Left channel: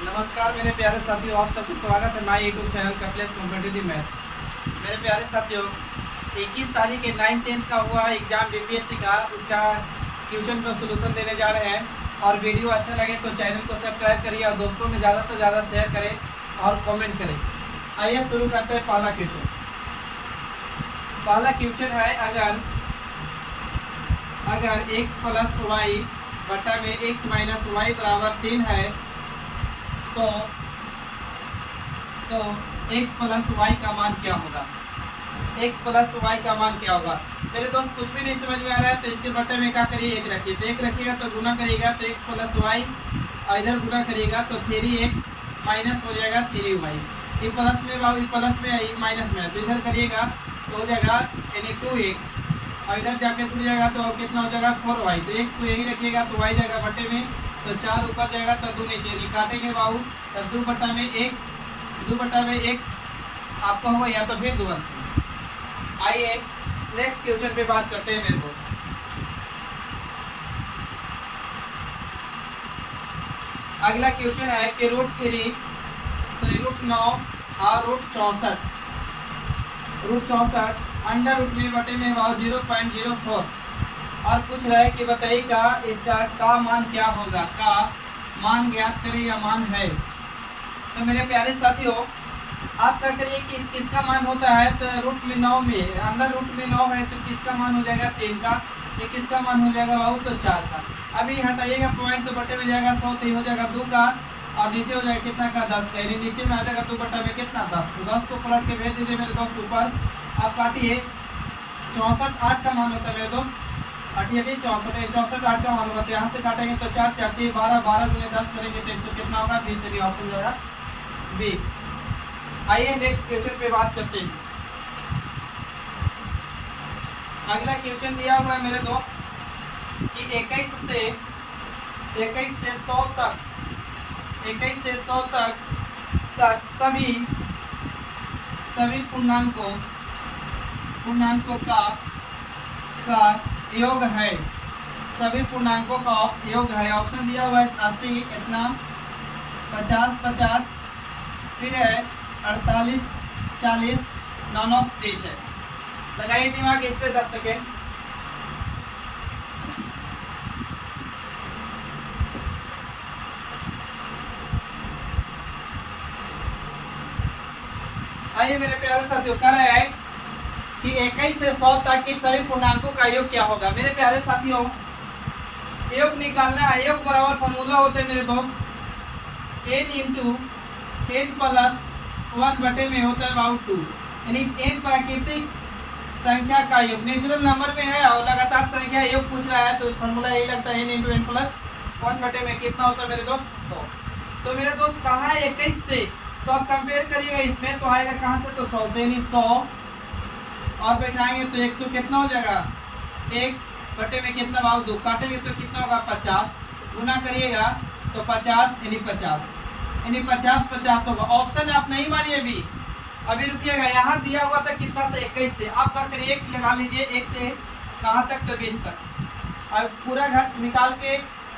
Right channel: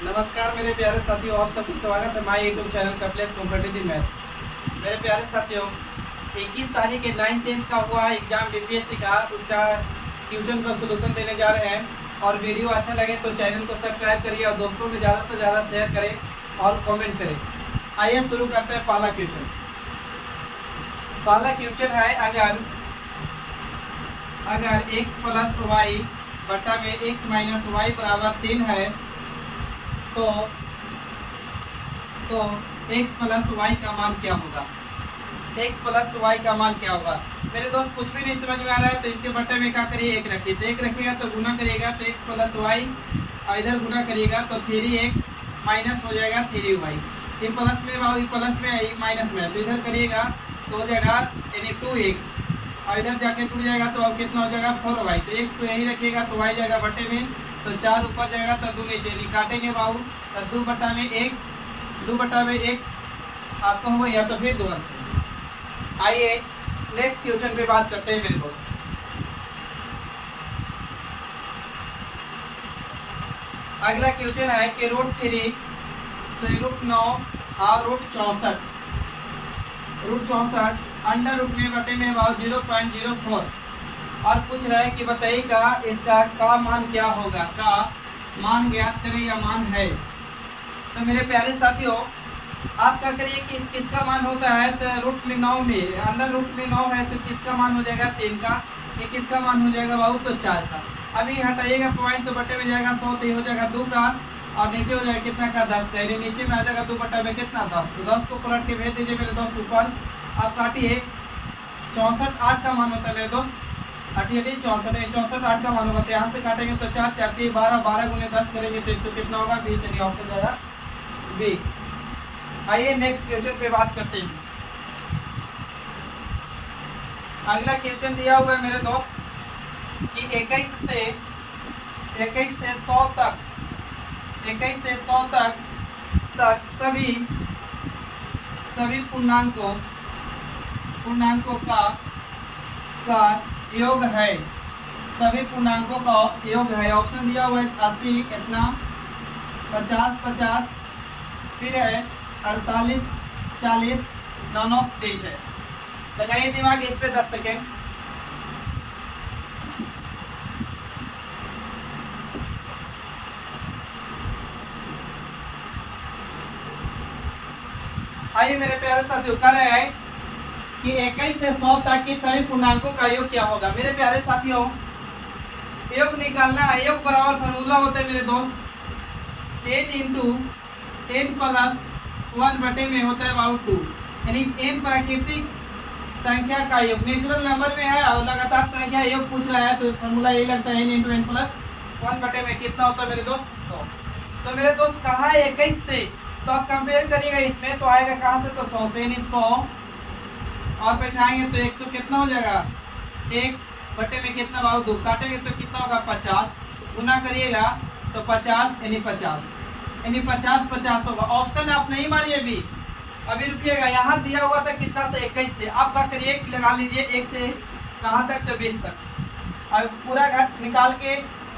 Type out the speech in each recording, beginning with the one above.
नमस्कार मेरे प्यारे साथियों, आप सबका स्वागत है हमारे YouTube channel Kapilesh competitive math. मेरे प्यारे साथियों, 21 तारीख के 9th-10th का हुआ एग्जाम बीपीएससी का, उसका क्वेश्चन का सलूशन देने जा रहे हैं। और वीडियो अच्छा लगे तो चैनल को सब्सक्राइब करिए और दोस्तों में ज़्यादा से ज़्यादा शेयर करें और कमेंट करें। आइए शुरू करते हैं पहला क्वेश्चन। पहला क्वेश्चन है, अगर x प्लस वाई बटा में x माइनस वाई बराबर 3 है तो x प्लस वाई का मान क्या होगा। x प्लस वाई का मान क्या होगा। मेरे दोस्त कुछ भी नहीं समझ में आ रहा है तो इसके बटे में क्या करिए, एक रखिए। तो एक रखिएगा तो गुना करिएगा तो x प्लस वाई, और इधर गुना करिएगा तो 3x माइनस हो जाएगा 3y। ये प्लस में प्लस में आई माइनस में, तो इधर करिएगा तो हो जाएगा यानी 2x, और इधर जाके टूट जाएगा तो अब कितना हो जाएगा 4y। तो x को यही रखिएगा तो y जाएगा बटे में, तो 4 ऊपर जाएगा तो 2 नीचे, नहीं काटेंगे बाबू तो 2 बटा में 1 आपका होगा, या तो फिर 2 अंश। आइए नेक्स्ट क्वेश्चन पे बात करते हैं मेरे दोस्त। अगला क्वेश्चन है कि √9 और √64 अंडर रूट में बटे में भाव 0.04 और पूछ रहा है कि बताइएगा इसका का मान क्या होगा। का मान ज्ञात करें या मान है। तो मेरे प्यारे साथियों, आप क्या करिए कि किसका मान होता है, तो √9 में अंडर √9 है तो किसका मान हो जाएगा 3 का, ये किसका मान हो जाएगा बाबू तो 4 का। अभी हटाइएगा पॉइंट तो बटे में जाएगा 100, तो ये हो जाएगा 2 का, और नीचे हो जाएगा कितना का 10 का, यानी नीचे में आ जाएगा 2 बटा में कितना 10। तो 10 को पलट के भेज दीजिए मेरे दोस्त ऊपर। आप काटिए 64 8 का मान होता है मेरे दोस्त, 64 8 का मान होगा। तो यहाँ से काटेंगे तो 4 4 12 12 गुने 10 करेंगे तो 100 कितना होगा 20, यानी ऑप्शन जाएगा बी। आइए नेक्स्ट क्वेश्चन पे बात करते हैं। अगला क्वेश्चन दिया हुआ है मेरे दोस्त कि 21 से 100 तक सभी पूर्णांकों का योग है। सभी पूर्णांकों का योग है। ऑप्शन दिया हुआ है 80 कितना, 50 फिर है 48 40 नॉन ऑफ 23 है। लगाइए दिमाग इस पे 10 सेकेंड। आइए मेरे प्यारे साथियों, कह रहे हैं कि 21 से 100 तक के सभी पूर्णांकों का योग क्या होगा। मेरे प्यारे साथियों, योग निकालना है। योग बराबर फॉर्मूला होता है मेरे दोस्त n इंटू n प्लस 1 बटे में होता है बाबू 2, यानी n प्राकृतिक संख्या का योग। नेचुरल नंबर में है और लगातार संख्या योग पूछ रहा है तो फॉर्मूला यही लगता है n इंटू n प्लस 1 बटे में कितना होता है मेरे दोस्त 2। तो मेरे दोस्त कहा है 21 से, तो आप कंपेयर करिएगा इसमें तो आएगा कहाँ से, तो 100 से, यानी 100 और बैठाएंगे तो 100 कितना हो जाएगा 1 बटे में कितना बाबू 2, काटेंगे तो कितना होगा 50, गुना करिएगा तो 50 यानी 50 होगा। ऑप्शन आप नहीं मानिए अभी रुकिएगा। यहाँ दिया हुआ था कितना से 21 से, आप क्या करिए लगा लीजिए 1 से कहाँ तक तो 20 तक, और पूरा घट निकाल के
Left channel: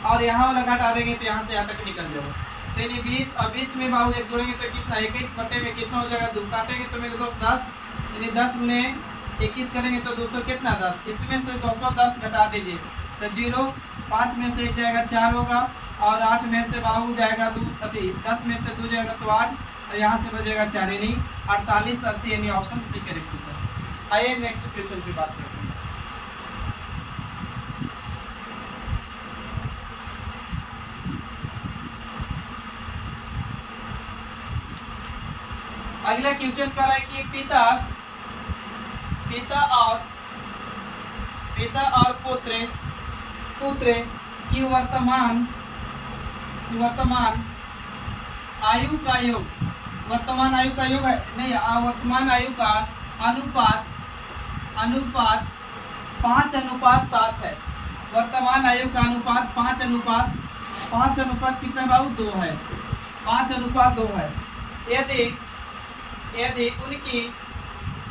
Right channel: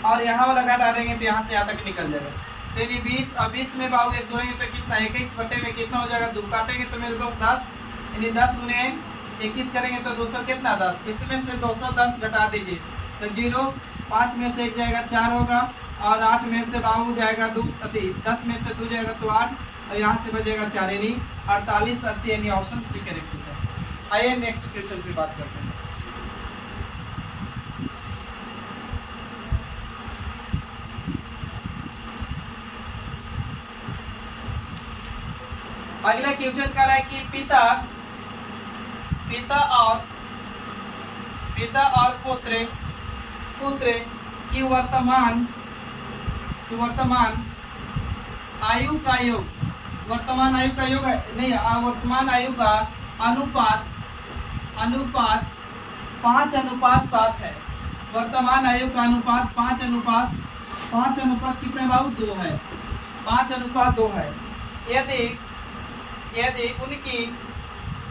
और यहाँ वाला घट आ देंगे तो यहाँ से यहाँ तक निकल जाएगा। तो यानी 20 और 20 में बाबू 1 जोड़ेंगे तो कितना 21 बटे में कितना हो जाएगा 2, काटेंगे तो मेरे दोस्त 10, यानी 10 गुने 21 करेंगे तो 200 कितना 10, इसमें से 210 घटा दीजिए तो 0, 5 में से 1 जाएगा 4 होगा, और 8 में से बाबू जाएगा 2, 10 में से 2 जाएगा तो 8, और यहाँ से बचेगा 4, यानी 48 80, यानी ऑप्शन सी करेक्ट होता है। आइए नेक्स्ट क्वेश्चन की बात करते हैं। अगला क्वेश्चन कर रहा है कि पिता और पुत्र की वर्तमान आयु का योग, वर्तमान आयु का योग है नहीं, वर्तमान आयु का अनुपात 5:7 है। वर्तमान आयु का अनुपात 5:5 कितना बाबू 2 है, 5:2 है।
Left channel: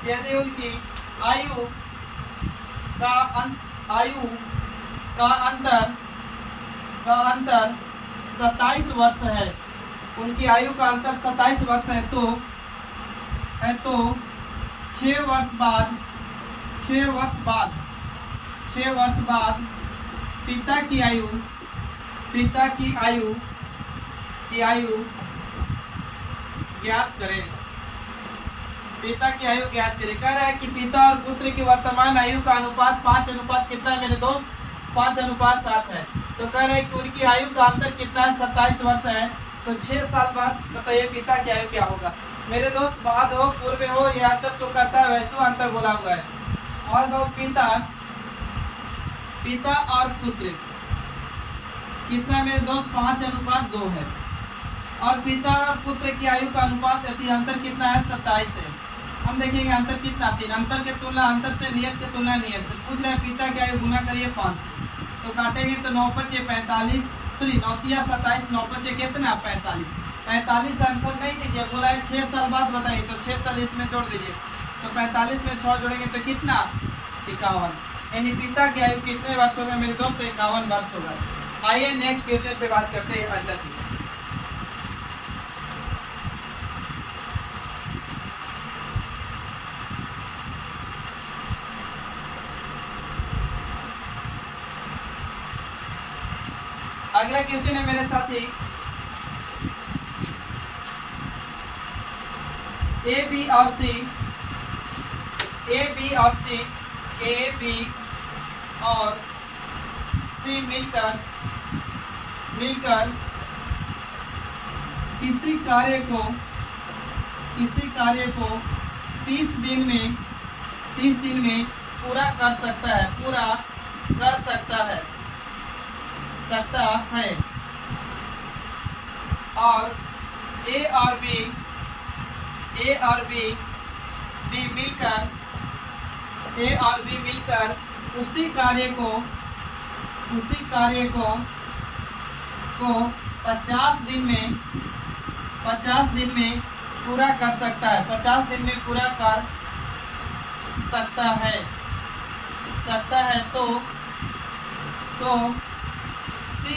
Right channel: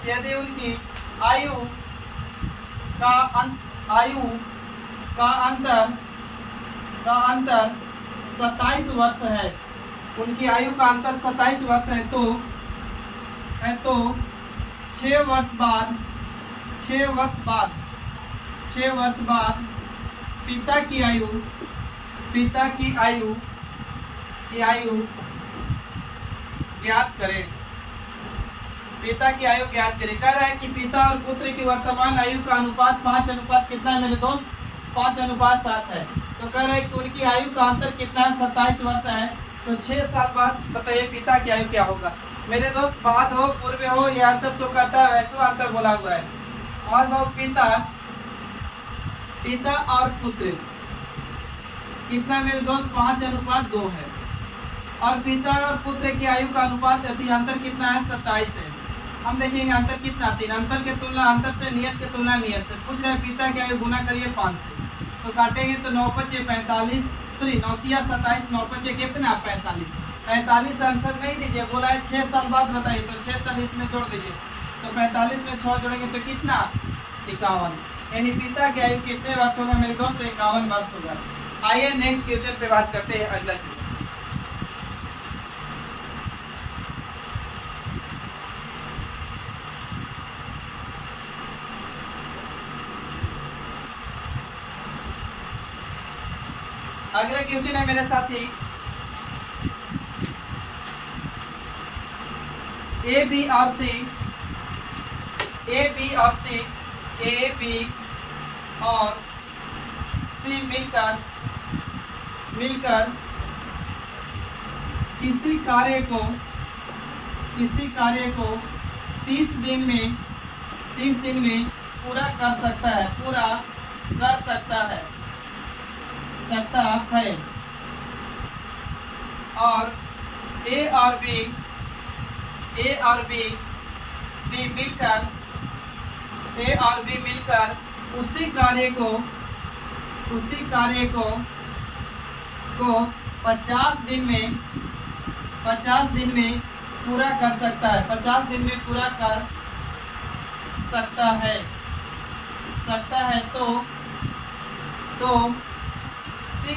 यदि उनकी आयु का अंतर 27 वर्ष है, उनकी आयु का अंतर 27 वर्ष है, तो 6 वर्ष बाद 6 वर्ष बाद पिता की आयु ज्ञात करें। पिता की आयु ज्ञात करें। कह रहा है कि पिता और पुत्र की वर्तमान आयु का अनुपात 5 अनुपात कितना है मेरे दोस्त? 5:7 है। तो कह रहे हैं कि उनकी आयु का अंतर कितना है? 27 वर्ष है। तो 6 साल बाद बताइए पिता की आयु क्या होगा मेरे दोस्त? बाद हो पूर्व हो या अंतर शो करता है वैसे अंतर बोला हुआ है। और बहुत पिता और पुत्र कितना मेरे दोस्त? 5:2 है। और पिता और पुत्र की आयु का अनुपात अंतर कितना है? 27 है। हम देखेंगे अंतर कितना? 3। अंतर के तुलना अंतर से, नियत के तुलना नियत से। पूछ रहे हैं पिता की आयु गुना करिए 5 से, तो काटेंगे तो 9 × 5 = 45, 9 × 3 = 27, 9 × 5 कितना? 45। 45 आंसर नहीं दीजिए, बोला है 6 साल बाद बताइए, तो 6 साल इसमें जोड़ दीजिए, तो 45 में 6 जोड़ेंगे तो कितना? 51। यानी पिता की आयु कितने वर्ष होगा मेरे दोस्त? 51 वर्ष होगा। आइए नेक्स्ट क्वेश्चन पे बात करते हैं। अगला क्वेश्चन है मेरे साथी, ए बी और सी मिलकर किसी कार्य को 30 दिन में पूरा कर सकता है और ए और बी मिलकर उसी कार्य को 50 दिन में पूरा कर सकता है। 50 दिन में पूरा कर सकता है। तो सी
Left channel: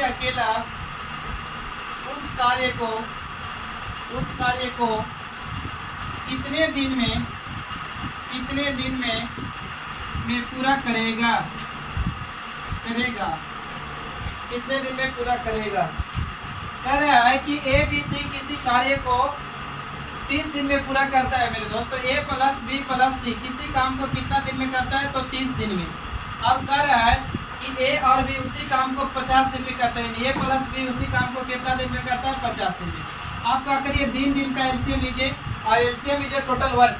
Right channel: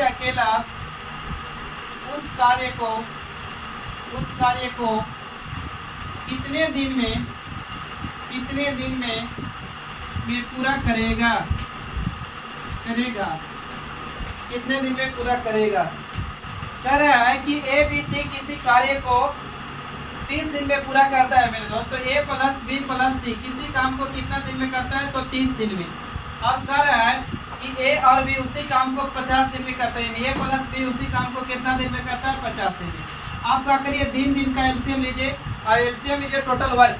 अकेला उस कार्य को कितने दिन में पूरा करेगा? कितने दिन में पूरा करेगा? कह रहा है कि ए बी सी किसी कार्य को 30 दिन में पूरा करता है मेरे दोस्तों। ए प्लस बी प्लस सी किसी काम को कितना दिन में करता है? तो 30 दिन में। और कह रहा है कि ए और बी उसी काम को 50 दिन में करते हैं। ए प्लस बी उसी काम को कितना दिन में करता है? 50 दिन में। आप क्या करिए, दिन का एलसीएम लीजिए और एलसीएम लीजिए टोटल वर्क।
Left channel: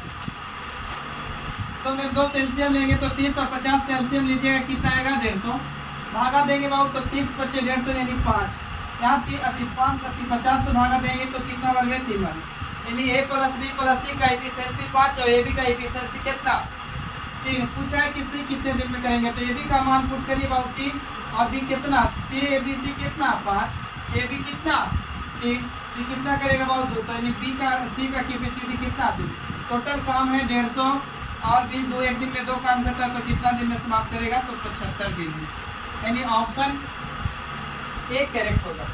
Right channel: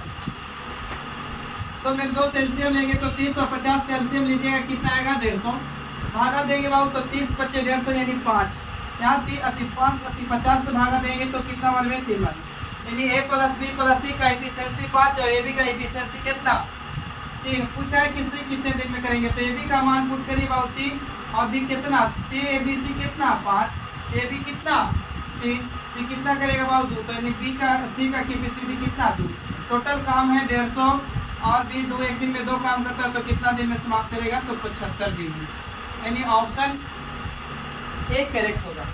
तो मेरे दोस्त एलसीएम लेंगे तो 30 और 50 का एलसीएम लीजिएगा, कितना आएगा? 150। भागा देंगे बाबू तो 30 × 5 = 150 यानी 5। यहाँ 50 से भागा देंगे तो कितना बार में? 3 बार। यानी ए प्लस बी प्लस सी का एफिशिएंसी 5 और ए बी का एफिशिएंसी कितना? 3। पूछा है कि सी कितने दिन में करेंगे, तो ए बी का मान पुट करिए बाबू 3 और बी कितना? ए बी सी कितना? 5, ए बी कितना? 3, तो कितना करेगा बाबू? 2। तो यानी बी का सी का कैपेसिटी कितना? 2। टोटल काम है 150 और बी 2 एक दिन में 2 काम करता है, तो कितना दिन में समाप्त करेगा? तो 75 दिन में। यानी ऑप्शन ए करेक्ट होगा।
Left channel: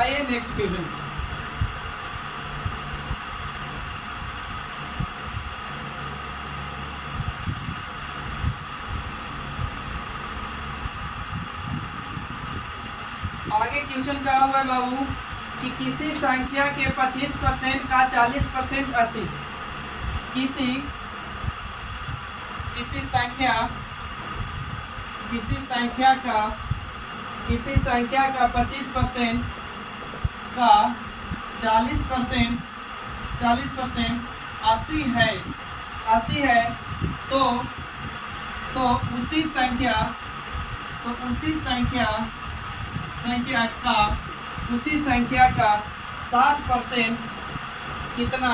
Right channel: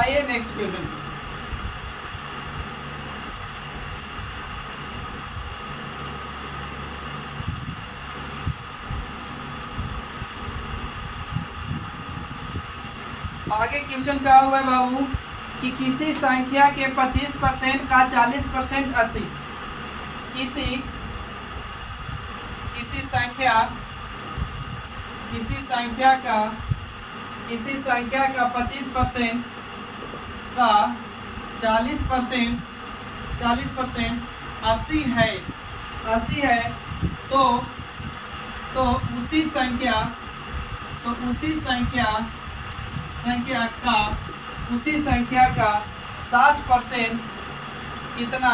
आइए नेक्स्ट क्वेश्चन। आगे क्वेश्चन क्या हुआ है बाबू कि किसी संख्या के 25% का 40% 80। किसी संख्या का 25% का 40% 80 है। तो उसी संख्या का 60% कितना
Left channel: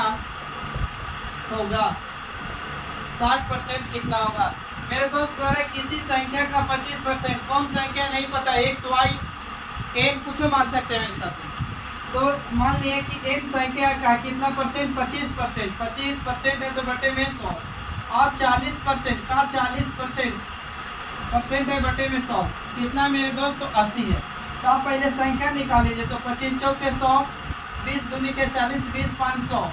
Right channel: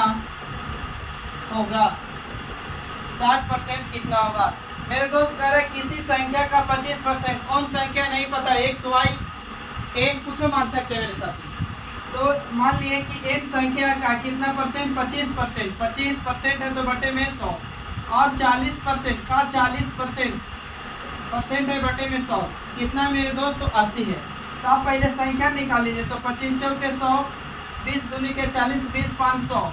होगा? 60% कितना होगा मेरे दोस्त? कह रहे किसी संख्या का 25%, कौन संख्या नहीं पता, एक्स वाई एन कुछ मान सकते हैं मेरे साथ। तो मान लिए कि एन संख्या का कितना परसेंट? 25%। 25% है तो बटे में 100 और 40% का 40% है बटे में 100 कितना मेरे दोस्त? तो 80 है। तो आप पहले संख्या निकाल लीजिए। तो 25 चौके 100, 20 दूनी के 40, 20 500।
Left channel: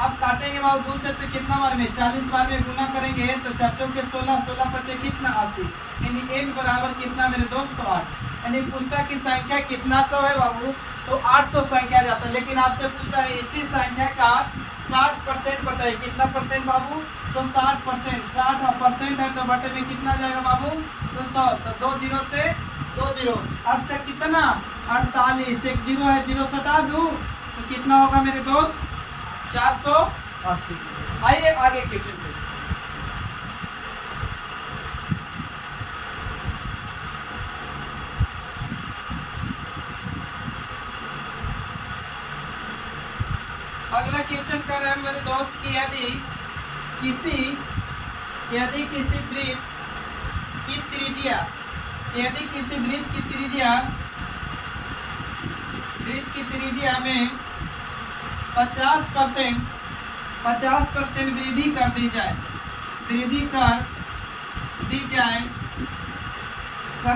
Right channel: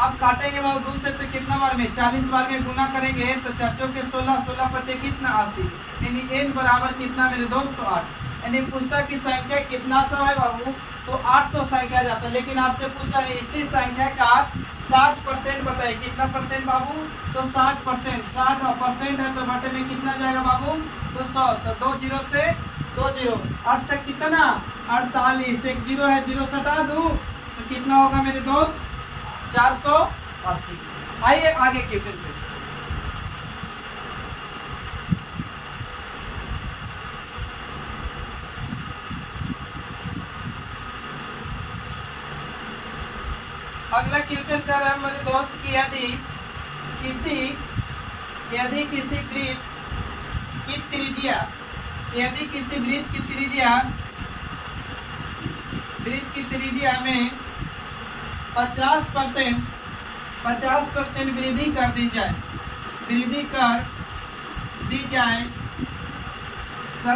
अब काटेंगे बाबू 2 से तो कितना बार में 40 बार में गुना करेंगे तो 4 चौके 16, 16 पचे कितना 80, यानी n बराबर कितना मेरे दोस्त तो 8। यानी पूछता कि संख्या कितना सौ है बाबू, तो 800 संख्या जाता है। लेकिन आपसे पूछ रहा है इसी संख्या का 60% बताइए, कितना परसेंट बाबू, तो 60%। 60% है तो बटे में कितना जाएगा बाबू, तो 100। तो 2 जीरो से 2 जीरो, अच्छा कितना 48, एक जीरो है, जीरो सटा दूं तो कितना होगा मेरे दोस्त 480। आइए आगे क्वेश्चन पे। अगला क्वेश्चन कर रहे हैं मेरे दोस्त कि यदि किसी वृत्त की त्रिज्या, यदि किसी वृत्त की त्रिज्या में 50% वृद्धि कर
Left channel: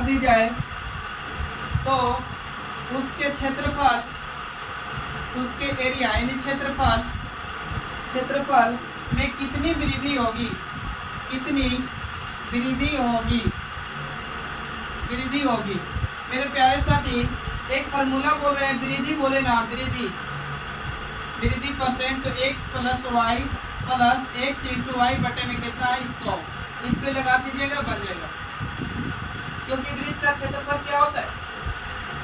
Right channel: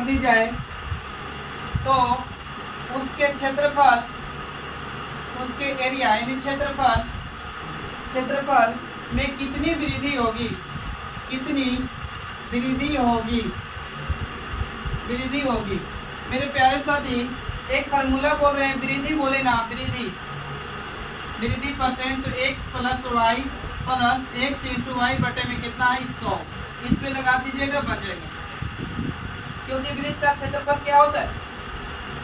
दी जाए तो उसके क्षेत्रफल, उसके एरिया यानी क्षेत्रफल में कितनी वृद्धि होगी, वृद्धि होगी। मेरे प्यारे साथी एक फार्मूला बोल रहे हैं, वृद्धि बोले ना, वृद्धि परसेंट, तो x plus Y plus X into Y बटे में कितना है 100। इस पे लगा दीजिएगा, बन जाएगा। क्योंकि वृत्त का क्षेत्रफल क्या होता है,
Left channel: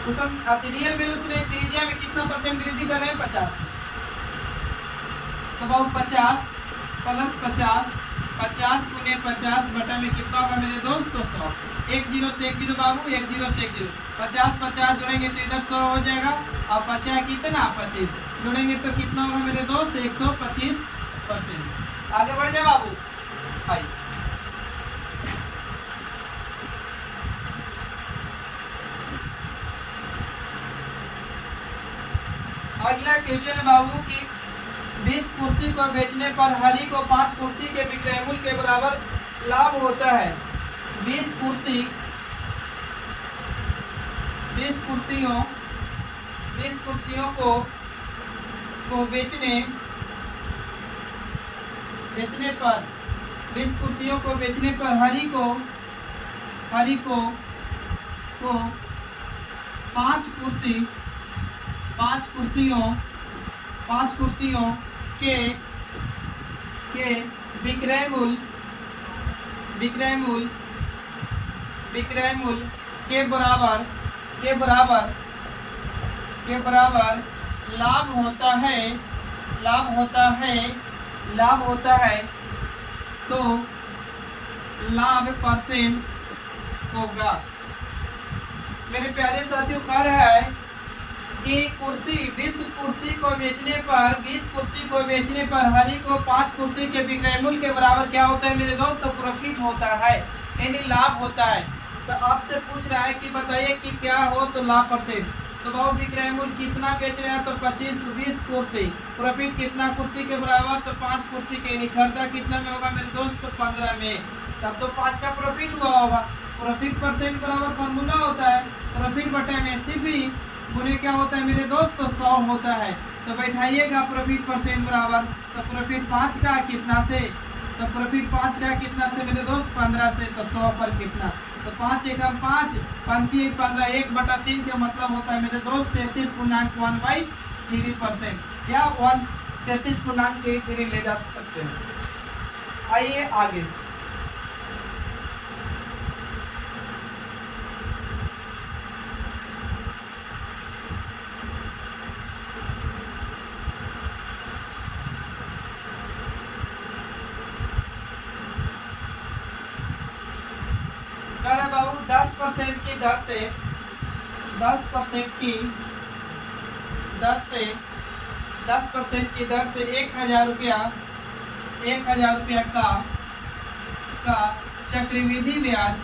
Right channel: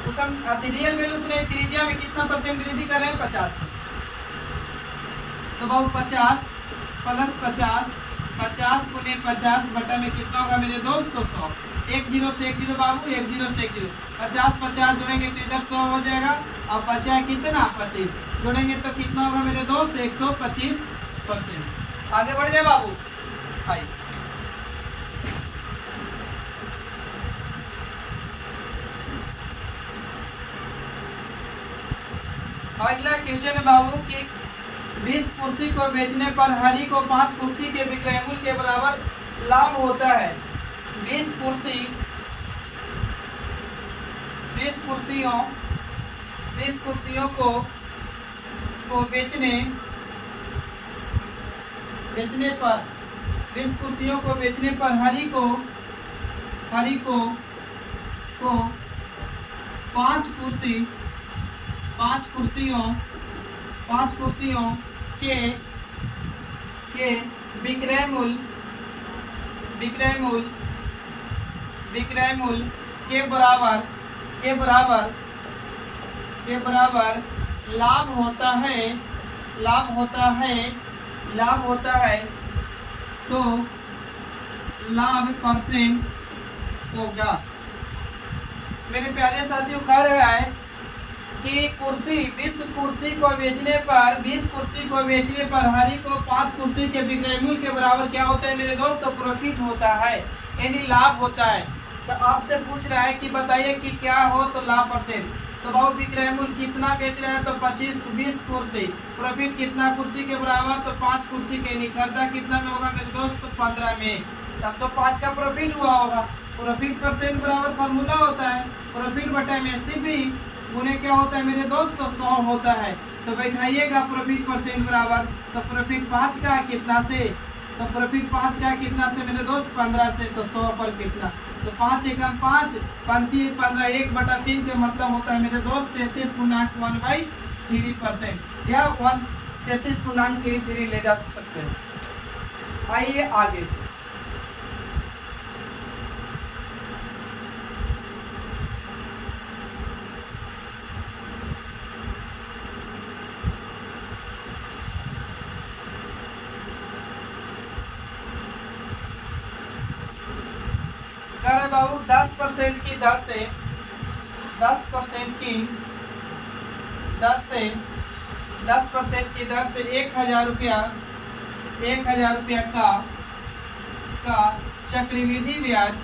उस हम रियल वैल्यू से नहीं, त्रिज्या में कितना परसेंट वृद्धि कर रहे हैं 50%। तो बाबू 50 प्लस 50 गुने 50 बटा में कितना होगा मेरे दोस्त, तो 100। एक जीरो से एक जीरो बाबू, एक जीरो से एक जीरो, 50 जुड़ेंगे तो इधर 100 हो जाएगा। और 50 कितना 25 जुड़ेंगे तो कितना होगा मेरे दोस्त 125%। आगे बढ़ जाए बाबू। आइए अगला क्वेश्चन है बाबू कि 20 कुर्सी को बेचने पर हरी को 5 कुर्सी के विक्रय मूल्य के बराबर लाभ होता है। 20 कुर्सियों को बेचने पर 20 कुर्सियों को बेचने पर हरी को 5 कुर्सियों के विक्रय मूल्य के बराबर लाभ होता है तो लाभ परसेंट होगा। मेरे प्यारे साथियों कह रहा है कि 20 कुर्सी को बेचने पर हरी को 5 कुर्सी के विक्रय मूल्य के बराबर क्या होता है मेरे दोस्त, तो प्रॉफिट होता है, यानी लाभ होता है। तो आपसे पूछ रहा है कि बताइए कि क्या हो तो लाभ परसेंट। तो बाबू विक्रय मूल्य कितना बेच रहे हैं, तो 20 कुर्सी, प्रॉफिट कितना कुर्सी के बराबर, तो 5 कुर्सी के, यानी खरीदा कितना में होगा मेरे दोस्त, तो 15 में। तब तो 5 का प्रॉफिट हुआ होगा। प्रॉफिट परसेंट बराबर फार्मूला होता है प्रॉफिट बटा में सीपी गुने क्या होता है मेरे दोस्त, तो 100 होता है। तो बैठाइएगा प्रॉफिट परसेंट बराबर, तो प्रॉफिट 5 का कितना से, तो प्रॉफिट 5 का कितना से मेरे दोस्त 15 से, तो 100 पर कितना, तो 5 एकम 5 पंती 15 1/3 का मतलब होता है मेरे दोस्त 33.1/3% या 33.33 ले जा सकते हैं। आइए आगे। बाबू 10% की दर से 10% की दर से 1000 रुपया का चक्रवृद्धि ब्याज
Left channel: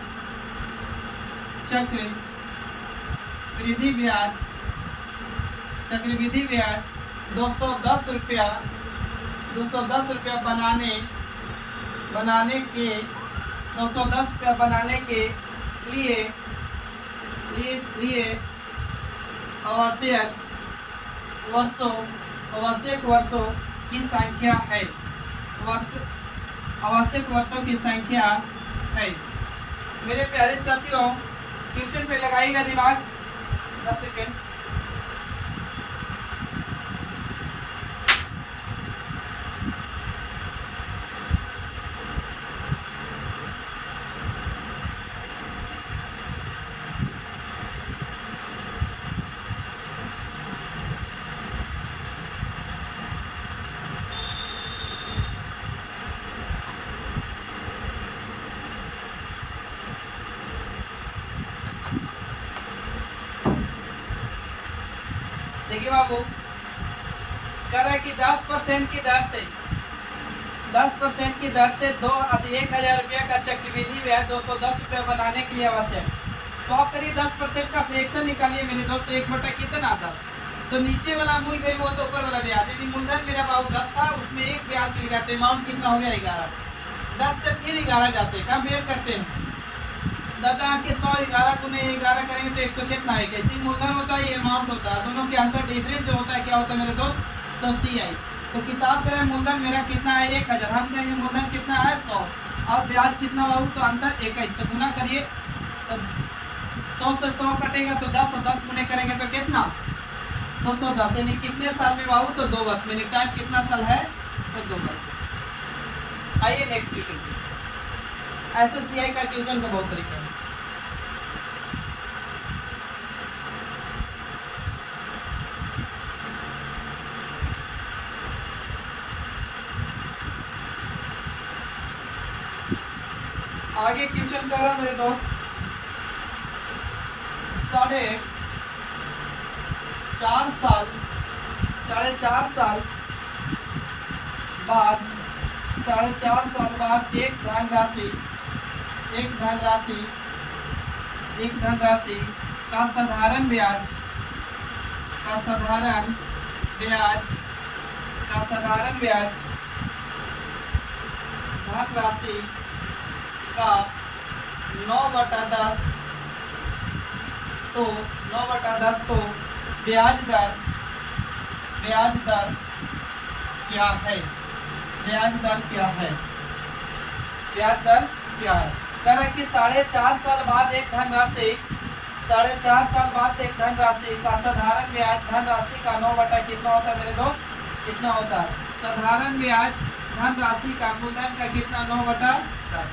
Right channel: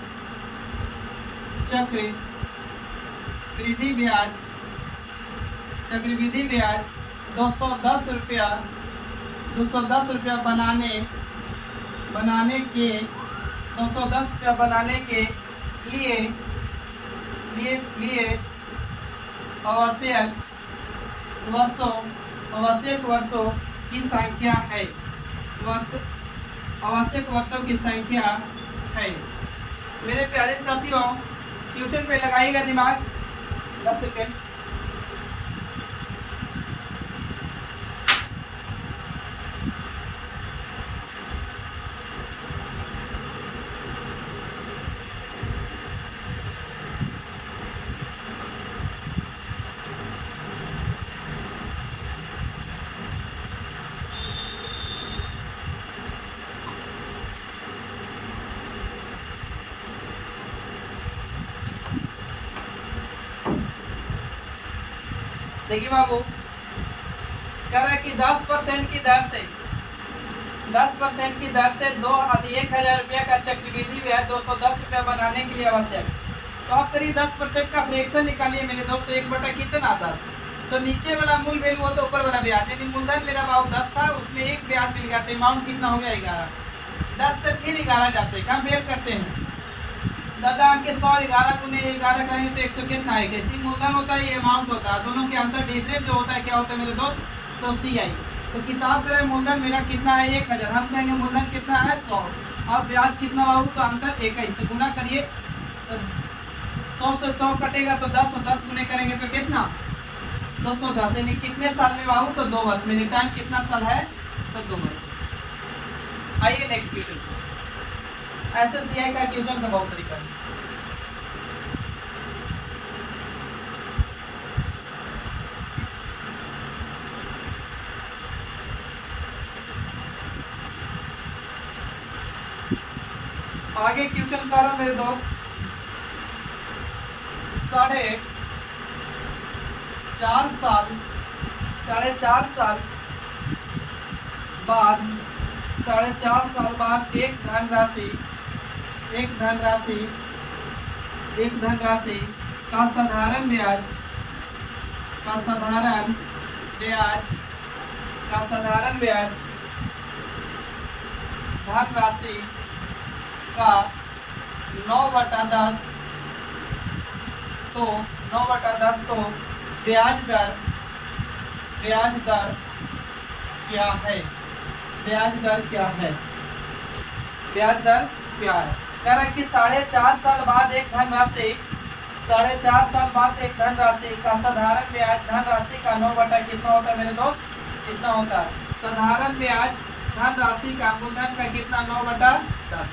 210 रुपया बनाने के लिए आवश्यक वर्षों की संख्या है। आवश्यक वर्षों की संख्या है। मेरे प्यारे साथियों, ट्यूशन पे लगाइएगा दिमाग 10 सेकेंड। देखिए बाबू, कह रहा है कि 10% की दर से 10% की दर से 1,000 रुपये का चक्रवृद्धि ब्याज 210 रुपये बनाने के लिए आवश्यक। तो आप करिए 10% का फ्रैक्शन निकालिए मेरे दोस्त। 1/10। तो नीचे वाला मूल वैल्यू वो तो ऊपर वाला ब्याज, यानी मूलधन मेरा बाबू 10 था, उसमें एक ब्याज मिल गया, तो अमाउंट कितना हो गया 11। 10 से फिर 11 जाते हैं, कंपेयर करते हैं। दादा के 100 11 गुने 11 करेंगे तो 100 कितना है, कैसी मूलधन होता है, ये अमाउंट होता है। दोनों के अंतर डिफरेंस जो होता है क्या होता है मेरे दोस्त, तो CI। तो किताब करें मूलधन मेरा कितना है 1000, हम कहेंगे मूलधन कितना है 100, और ब्याज कितना बाबू, तो अंतर 21। तो गुना करिए, तो 100 से 100 कटेगा तो 10, और 10 गुने करेंगे तो कितना 210। यानी कितने साल में बाबू, तो 2 वर्ष में। टाइम कितना साल है, तो 2 वर्ष। आइए नेक्स्ट क्वेश्चन। ऐसे CI का क्वेश्चन का बहुत तरीका है। आगे क्वेश्चन करो मेरे दोस्त। 4.5 साल बाद 4.5 साल बाद एक धनराशि का साधारण ब्याज धनराशि का 9/10 तो 9/10 तो ब्याज दर क्या है? ब्याज दर क्या है? कह रहा है कि 4.5 साल बाद एक धनराशि का साधारण ब्याज धनराशि का 9 कितना होता है मेरे दोस्त, कितना होता है साधारण ब्याज धनराशि का मूलधन का कितना 9/10।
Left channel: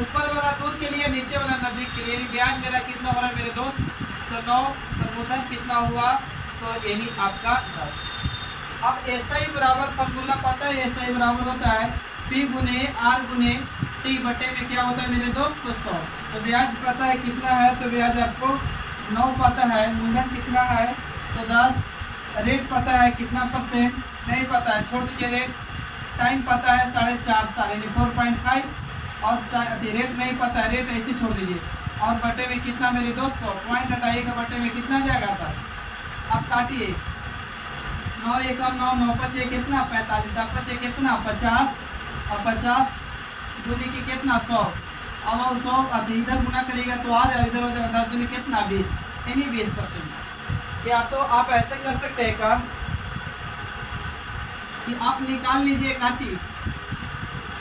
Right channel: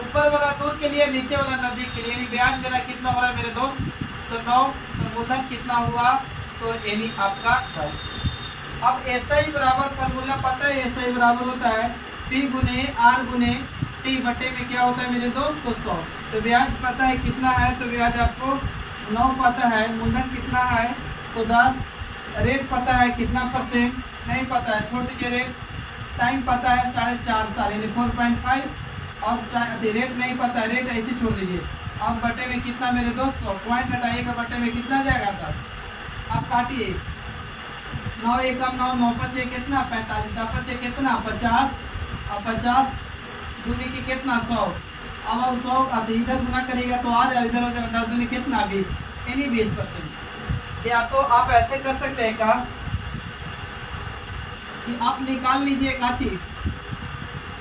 ऊपर वाला दूर के लिए, नीचे वाला नजदीक के लिए, ब्याज मेरा कितना हो रहा है मेरे दोस्त, तो 9, तो मूलधन कितना हुआ, तो यानी आपका 10। अब ऐसा ही बराबर फॉर्मूला पता है, ऐसा ही बराबर होता है P गुने R गुने T बटे में क्या होता है मेरे दोस्त, तो 100। तो ब्याज पता है कितना है, तो ब्याज आपको 9 पता है, मूलधन कितना है तो 10, रेट पता है कितना % नहीं पता है, छोड़ दीजिए रेट। टाइम पता है 4.5 साल यानी 4.5, और रेट नहीं पता है, रेट ऐसे छोड़ दीजिए। अब बटे में कितना मेरे दोस्त 100, पॉइंट हटाइएगा, बटे में कितना जाएगा 10। अब काटिए 9 एकम 9, 9 पचे कितना 45, 10 पचे कितना 50, और 50 दूनी की कितना 100। अब हम 100 इधर गुना करिएगा तो आ जाए, इधर हो जाएगा 10 दूनी कितना 20, यानी 20%। या तो आप ऐसे कर सकते हैं का कि आप निकाल लीजिए काची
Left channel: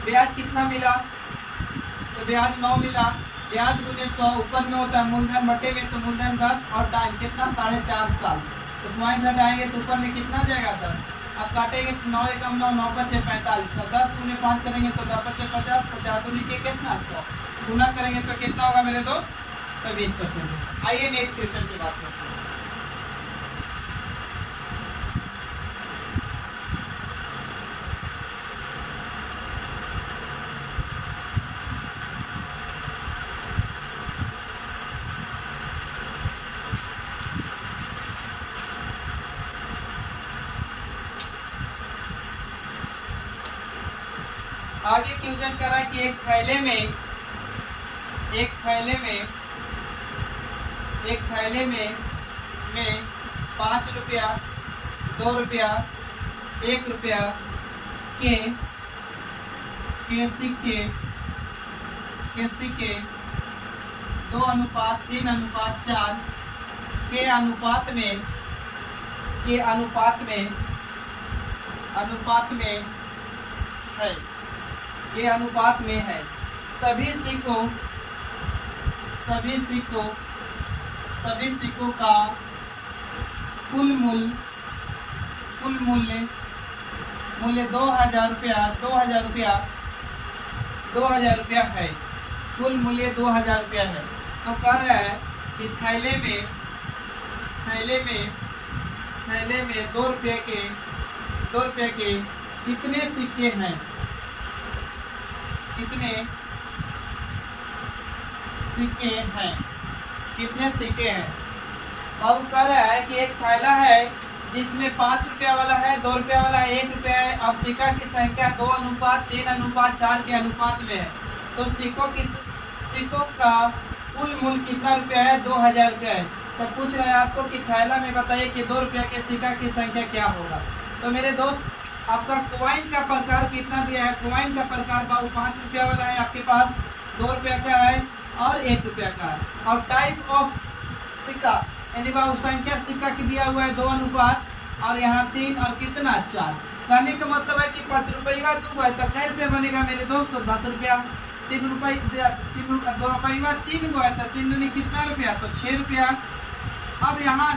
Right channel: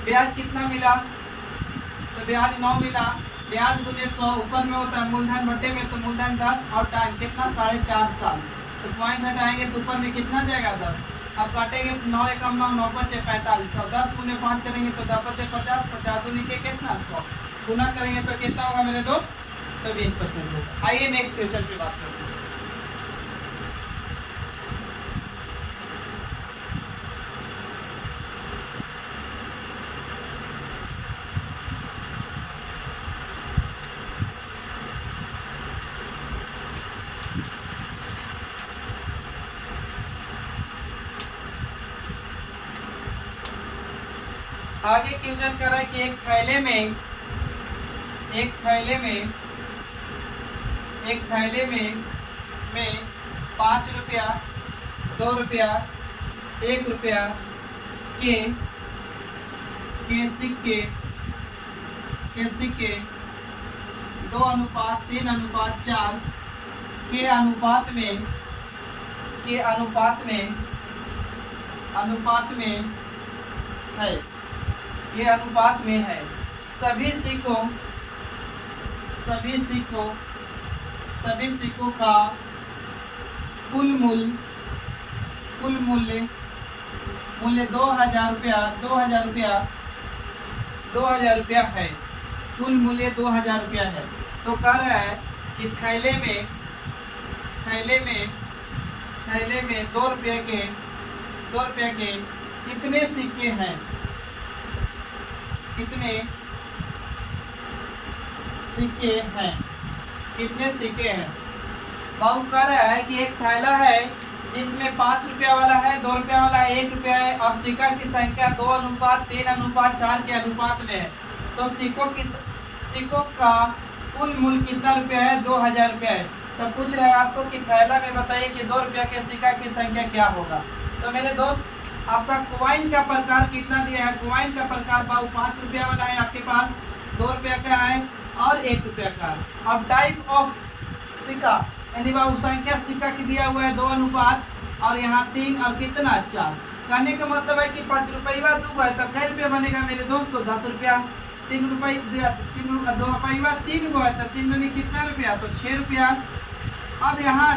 ब्याज कितना मिला, तो ब्याज 9 मिला, ब्याज गुने 100 ऊपर में होता है मूलधन बटे में, तो मूलधन 10, और टाइम कितना 4.5 साल। तो पॉइंट हटाएंगे तो ऊपर में कितना जाएगा 10। अब काटेंगे 9 एकम 9, 9 पचे 45, और 10 गुने 5 करेंगे तो 10 पचे 50, 50 दूनी के कितना 100, गुना करेंगे तो कितना होगा मेरे दोस्त, तो 20% होगा। आइए नेक्स्ट क्वेश्चन की बात करते हैं। आगे क्वेश्चन कर रहा है कि एक थैले में 5 रुपया, 2 रुपया, 1 रुपया के सिक्के 2:3:4 के अनुपात में के अनुपात में है, ये अनुपात में है। सभी सिक्कों का कुल मूल्य 2000 रुपया है। कुल मूल्य 2000 रुपया है। तो कह रहा है कि थैले में 2 रुपये के कितने सिक्के हैं? कितने सिक्के हैं? बाबू कह रहा है कि एक थैला है जिसमें 5 रुपया वाला है, 2 रुपया वाला है, 1 रुपया है और सिक्का की संख्या 2:3:4 के अनुपात में है। तो सिक्कों का कुल मूल्य कितना रुपया है? 2000 रुपया है। तो पूछ रहा है आपको कि थैला में बताइए कि 2 रुपया के सिक्का की संख्या क्या होगा। तो मेरे दोस्त, आपका कॉइन का प्रकार कितना दिया है? कॉइन का प्रकार बाबू 5 रुपया वाला है आपके पास, 2 रुपया का है और 1 रुपया का है। और टाइप ऑफ सिक्का यानी बाबू संख्या सिक्का की दिया हुआ है 2 अनुपात और यहाँ 3 और कितना 4। कहने का मतलब है कि 5 रुपया 2 है तो कै रुपया बनेगा मेरे दोस्त? तो 10 रुपया। 2 रुपया 3 गो है तो 3 दूनी कितना रुपया? तो 6 रुपया। अब यहाँ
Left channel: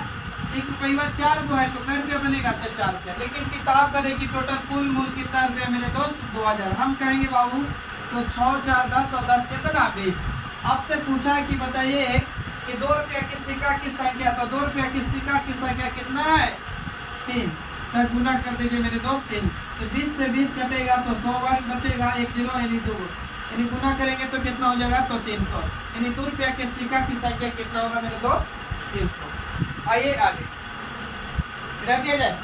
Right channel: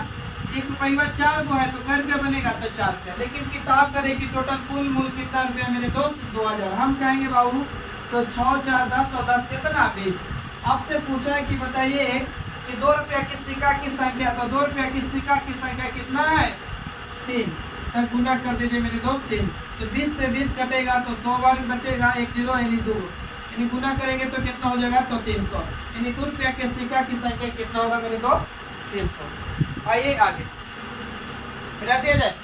1 रुपया 4 गो है तो कै रुपया बनेगा? तो 4 रुपया। लेकिन किताब करेगी टोटल कुल मूल्य कितना रुपया मेरे दोस्त? 2000। हम कहेंगे बाबू तो 6 4 10 और 10 कितना? 20। आपसे पूछा है कि बताइए कि 2 रुपया की सिक्का की संख्या, तो 2 रुपया की सिक्का की संख्या कितना है? 3। तो गुना कर दीजिए मेरे दोस्त 3। तो 20 से 20 कटेगा तो 100 बार बचेगा, 1 0 यानी 2, यानी गुना करेंगे तो कितना हो जाएगा? तो 300। यानी 2 रुपया के सिक्का की संख्या कितना होगा मेरे दोस्त? 300। आइए आगे रख दिया जाए।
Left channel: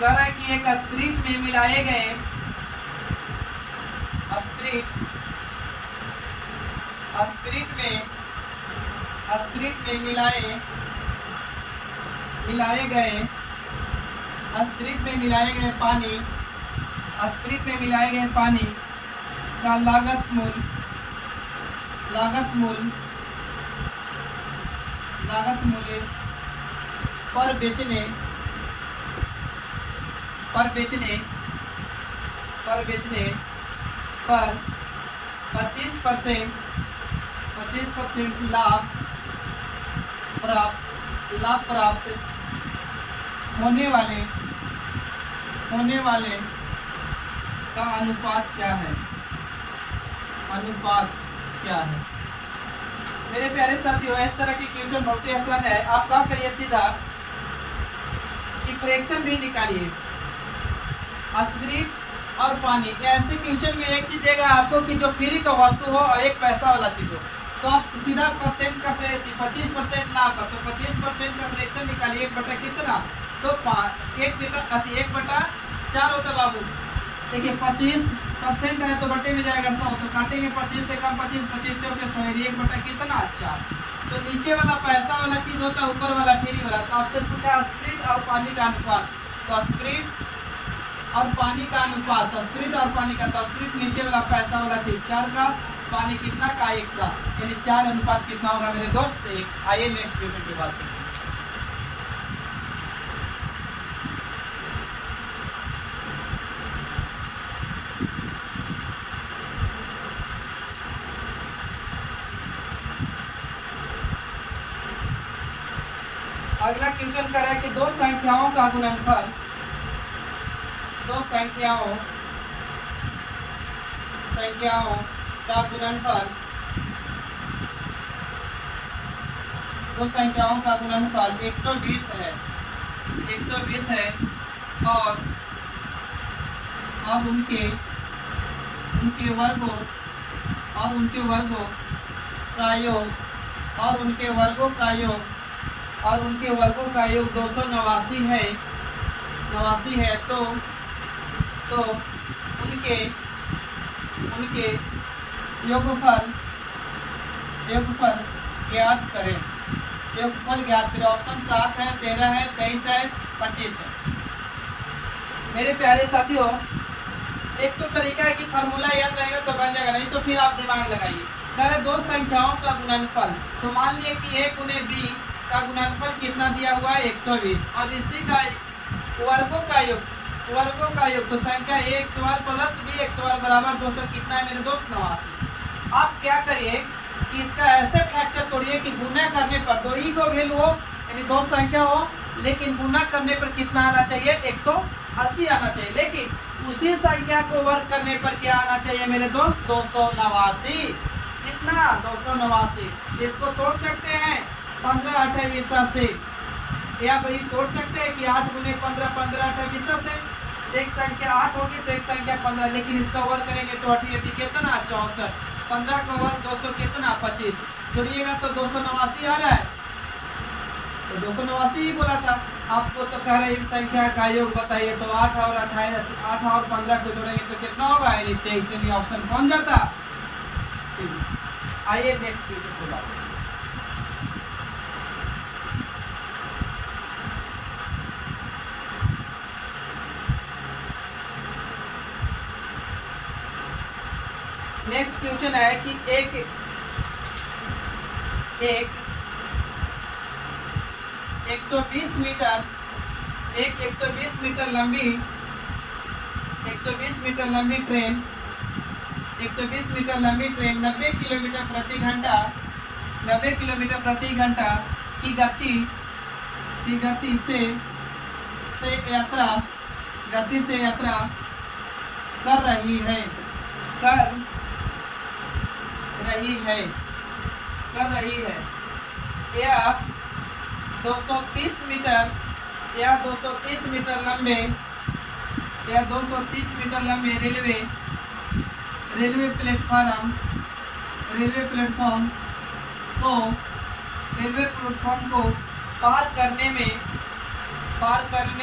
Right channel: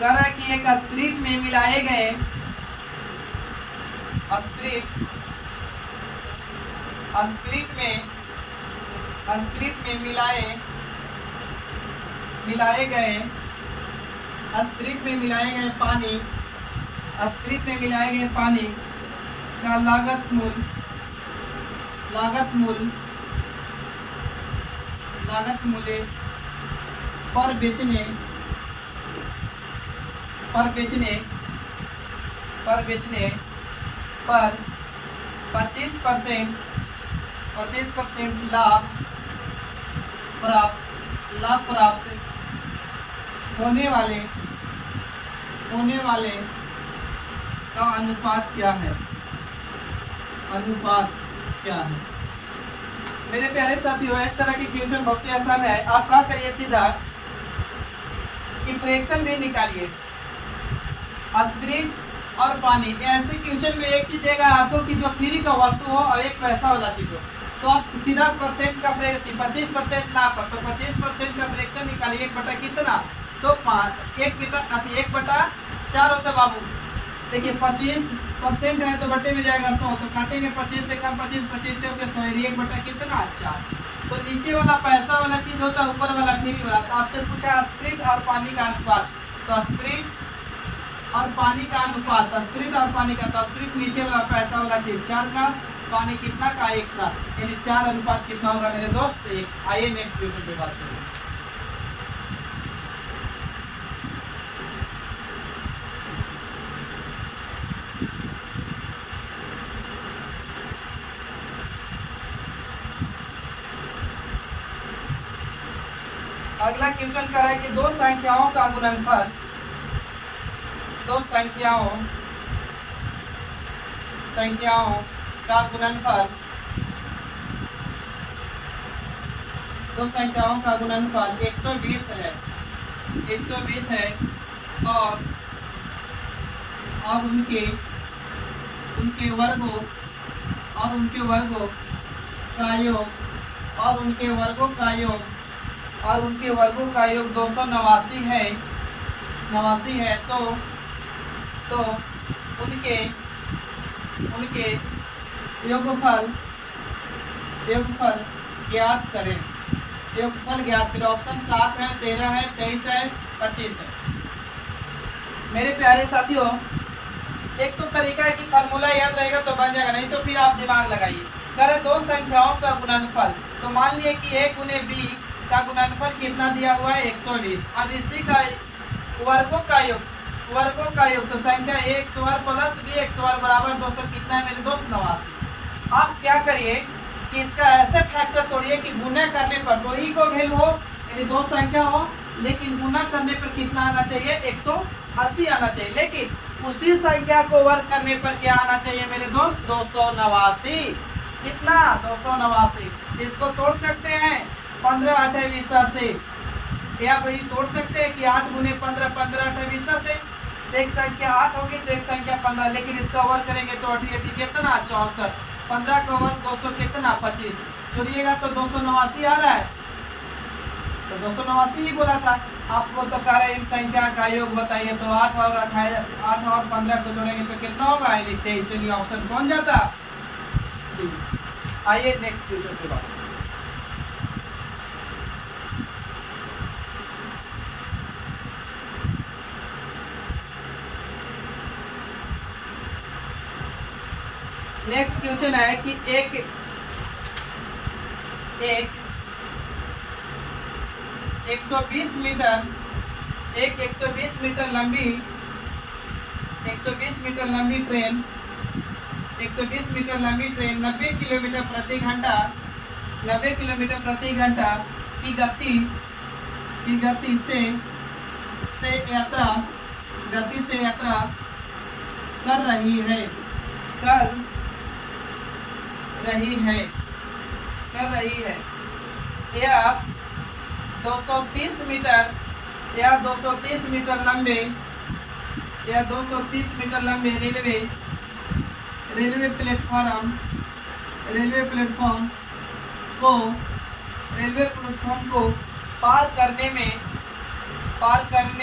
कह रहा है कि एक स्प्रिट में मिलाए गए स्प्रिट में मिलाए गए पानी का लागत मूल्य पर बेचने पर 25% लाभ प्राप्त होने वाले का अनुपात क्या है? मेरे प्यारे साथियों, इस तरह की क्वेश्चन बहुत ही आसान है। आप क्या करिए सीधा कि फ्रैक्शन भी निकालिए। स्प्रिट और पानी, ऐसे क्वेश्चन में एक चीज देगा आपको कि जो फ्री का वस्तु हो और एक पैसा वाला चीज हो, तो आप सीधा परसेंट का 25% लाभ पर, तो 25% का फ्रैक्शन निकालिए। 1 बटा कितना? तो 1 बटा 4 होता है बाबू। देखिए 25% है तो बटे में जाएगा 100, तो काटेंगे 25 से कम 25 चौके 100, 1 बटा कितना? 4। तो नीचे वाला पैसा वाला चीज होता है, ऊपर वाला फ्री वाला। तो आपसे पूछा स्प्रिट और पानी का अनुपात, तो स्प्रिट और पानी का अनुपात, स्प्रिट और पानी का, तो स्प्रिट नीचे वाला पैसा वाला चीज 4 का, पानी कितना का? 1 का, यानी 4 अनुपात कितना होगा मेरे दोस्त? 1। आइए नेक्स्ट क्वेश्चन की बात करते हैं। अगला क्वेश्चन कर रहा है कि दो संख्याओं का गुणनफल दो संख्याओं का गुणनफल 120 है और उनके वर्गों का योग 289 है। तो उनके योगफल ज्ञात करें। ऑप्शन 7 है, 13 है, 23 है, 25 है। मेरे प्यारे साथियों, एक तो तरीका है कि फार्मूला याद रहेगा तो बन जाएगा, नहीं तो फिर आप दिमाग लगाइए। कह रहे दो संख्याओं का गुणनफल, तो मान लिए कि a गुने b का गुणनफल कितना दिया हुआ है 120, और इसी का वर्गों का योग, तो संख्या a x वर्ग प्लस b x वर्ग बराबर 200 कितना है मेरे दोस्त 89। आप क्या करिए कि इसका ऐसे फैक्टर तोड़िए कि गुना करने पर दो ही को वैल्यू हो, यानी दो संख्या हो, लेकिन गुना करने पर कितना आना चाहिए 180 आना चाहिए, लेकिन उसी संख्या को वर्ग करने पर क्या आना चाहिए मेरे दोस्त 289। कितना 289। इसको तोड़ सकते हैं 15 8 20 से, या वही तोड़ सकते हैं कि 8 गुने 15 15 8 20 से, एक संख्या 8 होगी तो एक संख्या 15, लेकिन इसका वर्ग करेंगे तो 8 8 कितना 64, 15 का वर्ग 200 कितना 25, जोड़िएगा तो 289 आ रहा है, तो 289 ही बोला था आपको। तो कह रहे इन संख्या का योग बताइए, तो 8 और 15 को जोड़ेंगे तो कितना होगा 23, इसलिए ऑप्शन कौन जाता सी। आइए नेक्स्ट क्वेश्चन पे बात। नेक्स्ट क्वेश्चन है कि एक 120 मीटर, एक 120 मीटर लंबी, 120 मीटर लंबी ट्रेन, 120 मीटर लंबी ट्रेन 90 किलोमीटर प्रति घंटा, 90 किलोमीटर प्रति घंटा की गति से यात्रा कर रही है। यह 230 मीटर लंबे रेलवे प्लेटफॉर्म को पार करने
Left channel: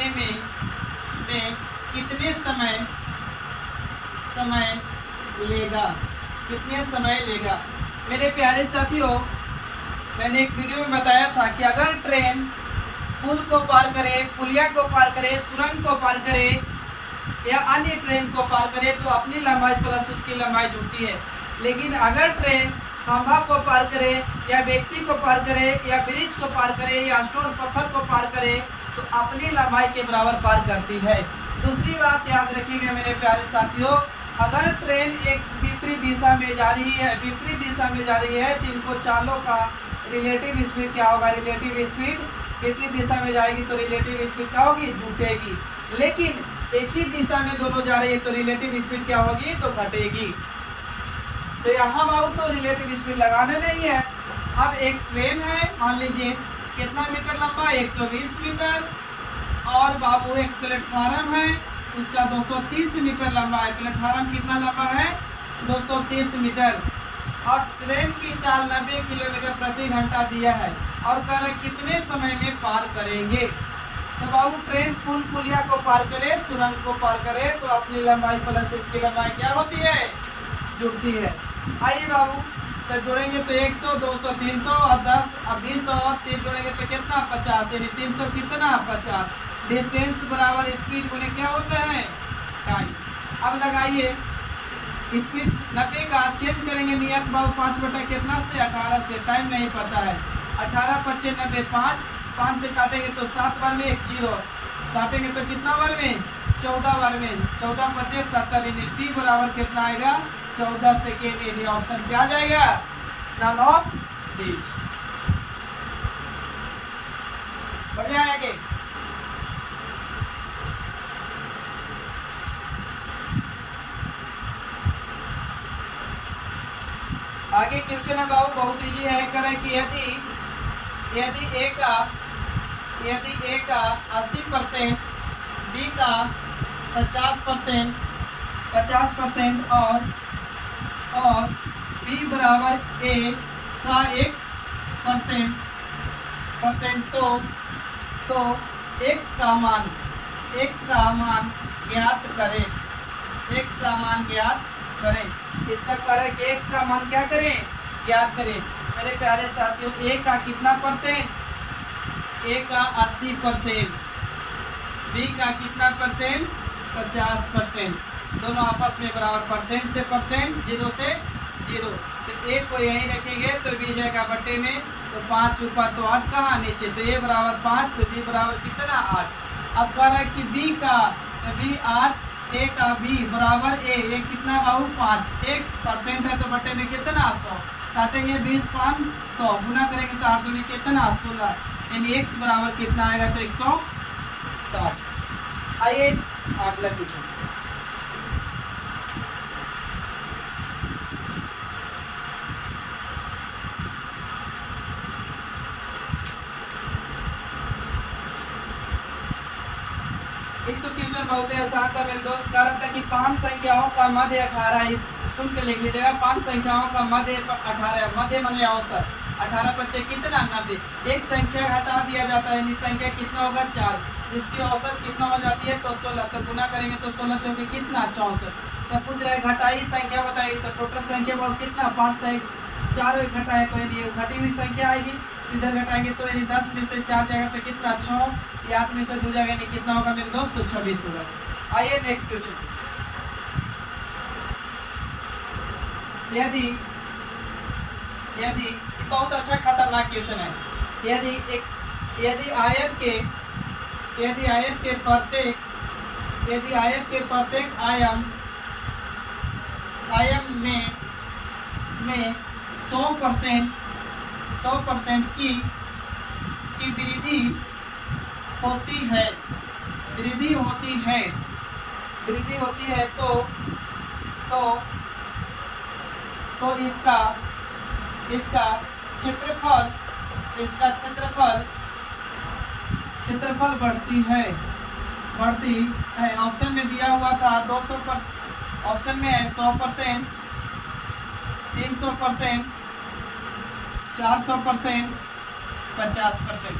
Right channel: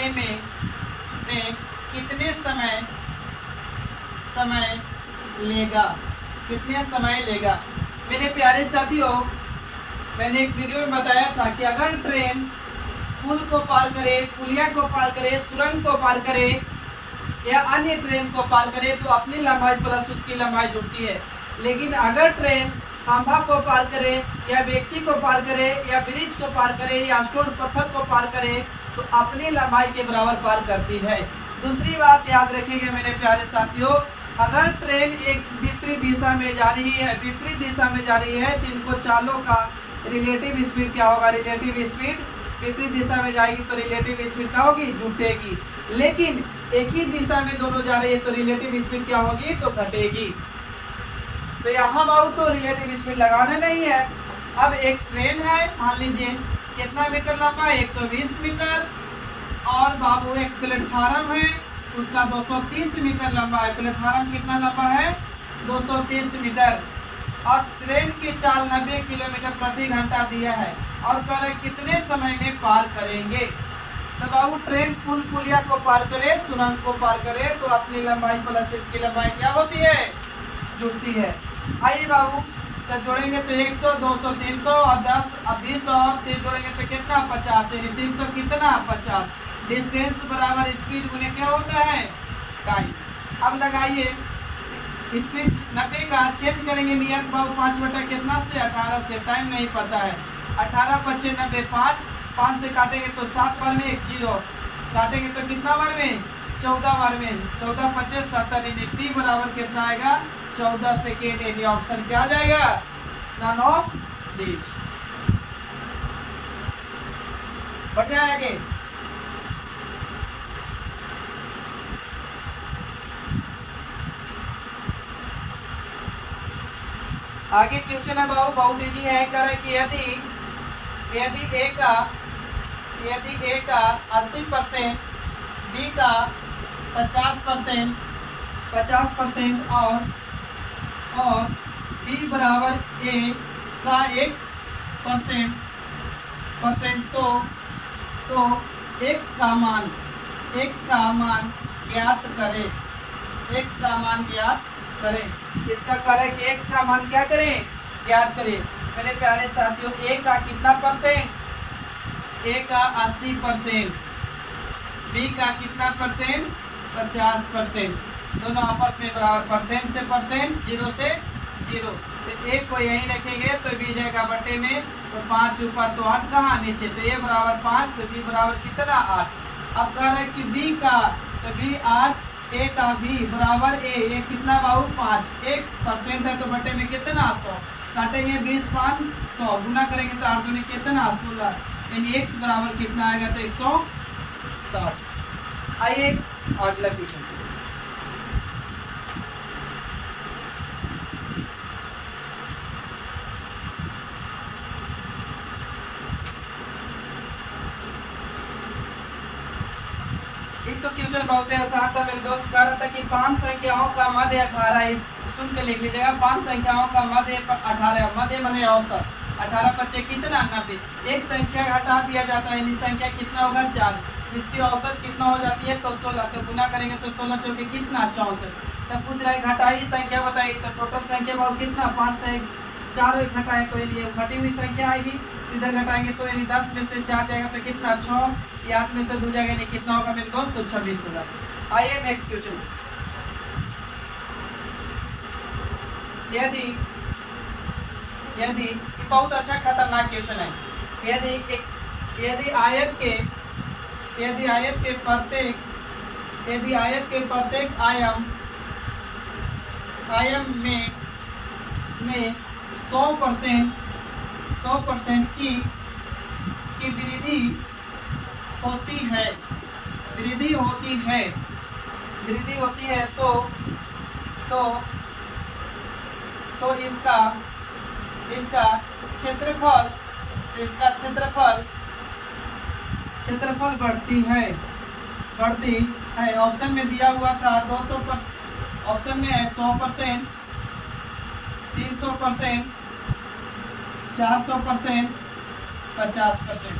में कितने समय लेगा। मेरे प्यारे साथियों, मैंने एक वीडियो में बताया था कि अगर ट्रेन पुल को पार करे, पुलिया को पार करे, सुरंग को पार करे या अन्य ट्रेन को पार करे तो अपनी लंबाई प्लस उसकी लंबाई जुड़ती है, लेकिन अगर ट्रेन खंभा को पार करे या व्यक्ति को पार करे या ब्रिज को पार करे या स्टोन पत्थर को पार करे तो अपनी लंबाई के बराबर पार करती है। दूसरी बात याद रखिएगा मेरे प्यारे साथियों, अगर ट्रेन एक विपरीत दिशा में जा रही है तो इनको चालों का रिलेटिव स्पीड क्या होगा, रिलेटिव स्पीड विपरीत दिशा में जाएगी तो रिलेटिव स्पीड क्या होगी, जुटेगी, लेकिन एक ही दिशा में दोनों जा रही है तो रिलेटिव स्पीड क्या होगी, तो घटेगी। तो यहाँ बाबू तो रिलेटिव स्पीड लगाना नहीं है। अब एक ट्रेन है, मान लीजिए कितना मीटर लंबा, 120 मीटर, और बाबू एक प्लेटफार्म है उसका 230 मीटर लंबा है। प्लेटफार्म कितना लंबा है, 230 मीटर, और ट्रेन की चाल 90 किलोमीटर प्रति घंटा दिया है और कह रहे कितने समय में पार करेंगे। तो बाबू ट्रेन पुल पुलिया को पार करे, सुरंग को पार करे तो अपनी लंबाई प्लस इसकी लंबाई क्या होती है, जुड़ती है। आइए बाबू तो जोड़ेंगे तो 100 200 300 और 10 और 20 और 30 जोड़ेंगे तो कितना 50, यानी 300 कितना 50। डिस्टेंस बराबर स्पीड गुने क्या होता है, टाइम। अब लगाइए स्पीड 90 का चेंज करेंगे नियत बाबू 5 बटा कितना से 18 से, टाइम नहीं पता है, 18 25 90, 5 से काटेंगे तो 7 बार में 1 0 काटेंगे तो कितना बार में 14 बार में, 14 25 70, यानी टी बराबर कितना आएगा 14 सेकेंड। यानी ऑप्शन क्या आ जाएगा, नन ऑफ दीज। बढ़ जाए आगे। आगे क्वेश्चन है बाबू बहुत इजी है, करें कि यदि ए का 80%, बी का 50% और बी बराबर ए का x% तो x का मान ज्ञात करें। इसका कार्य है कि x का मान क्या करें, ज्ञात करें। मेरे प्यारे साथियों, a का कितना परसेंट, a का 80%, b का कितना परसेंट 50%, दोनों आपस में बराबर, परसेंट से परसेंट, जीरो से जीरो, तो एक को यहीं रखेंगे तो बी जाएगा बटे में, तो 5 ऊपर तो 8 कहाँ नीचे, तो ए बराबर 5, तो बी बराबर कितना 8। अब कह रहे हैं कि बी का, तो बी 8, ए का बी बराबर ए कितना बाबू 5, x परसेंट है तो बटे में कितना 100, काटेंगे 20 5 100, गुना करेंगे तो 8 दूनी कितना 16, यानी x बराबर कितना आएगा तो 160। आइए अगला क्वेश्चन। एक तो क्वेश्चन बहुत ही आसान था मेरे दोस्त, कह रहा था कि 5 संख्याओं का मध्य 18 है, सुन के लिख लीजिएगा, 5 संख्याओं का मध्य 18, मध्य माने औसत, 18 बच्चे कितना 90, एक संख्या हटा दिया जाता है, यानी संख्या कितना होगा 4, जिसकी औसत कितना हो जाती है तो 16, तो गुना करेंगे तो 16 चौके कितना 64। तब पूछ रहा है घटाई संख्या बताइए, तो टोटल संख्या बहुत कितना 5 था, 4 घटाए तो ये घटी हुई संख्या आएगी, इधर घटाएंगे तो यानी 10 में से 4 जाएगा तो कितना 6, ये 8 में से 2 जाएगा यानी कितना होगा मेरे दोस्त, तो 26 होगा। आइए नेक्स्ट क्वेश्चन। यदि बहुत अच्छा खतरनाक क्वेश्चन है, यदि आयत के प्रत्येक आयाम में 100% की वृद्धि होती है तो इसका क्षेत्रफल बढ़ती है। ऑप्शन में दिया हुआ था 200%, ऑप्शन में है 100%, 300%, 400%, 50%।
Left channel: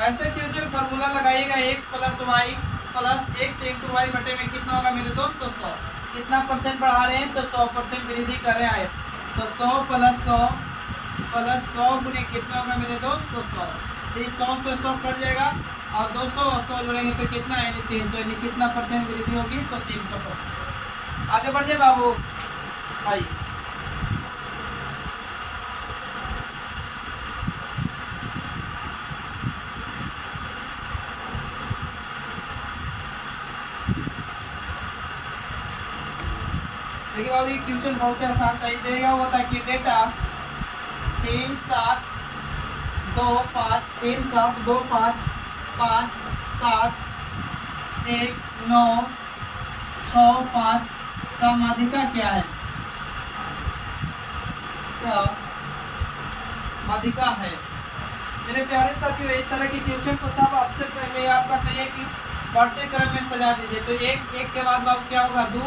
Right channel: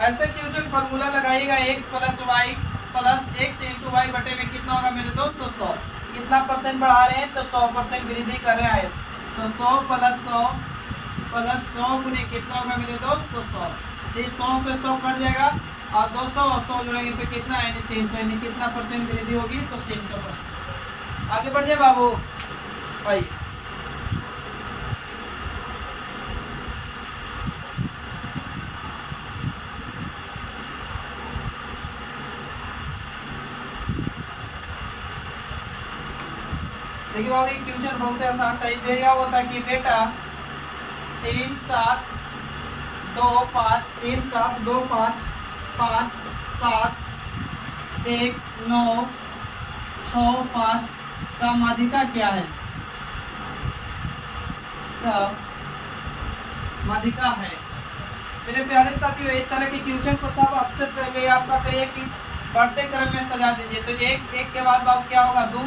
ऐसे क्वेश्चन फॉर्मूला लगाइएगा, x + y + x × y बटे में कितना होगा मेरे दोस्त, तो 100। कितना परसेंट बढ़ा रहे हैं तो 100% वृद्धि कर रहे हैं, तो 100 + 100 गुने कितना होगा मेरे दोस्त, तो 100, तो 100 से 100 कट जाएगा और 200 और 100 जोड़ेंगे तो कितना यानी 300, यानी कितना परसेंट वृद्धि होगी तो 300%। आगे बढ़ जाए बाबू, आइए। देखिए बाबू ये क्वेश्चन बहुत ही आसान था, ये क्या होता है कि डेटा 3 7 2 5 3 7 2 5 5 7 1 9 6 5 का माध्यिका क्या है, का माध्यिका है। मेरे प्यारे साथियों, इस तरह के क्वेश्चन को सब आपसे पहले आपका करिए कि बढ़ते क्रम में सजा दीजिए, तो एक के बाद बाबू क्या होगा 2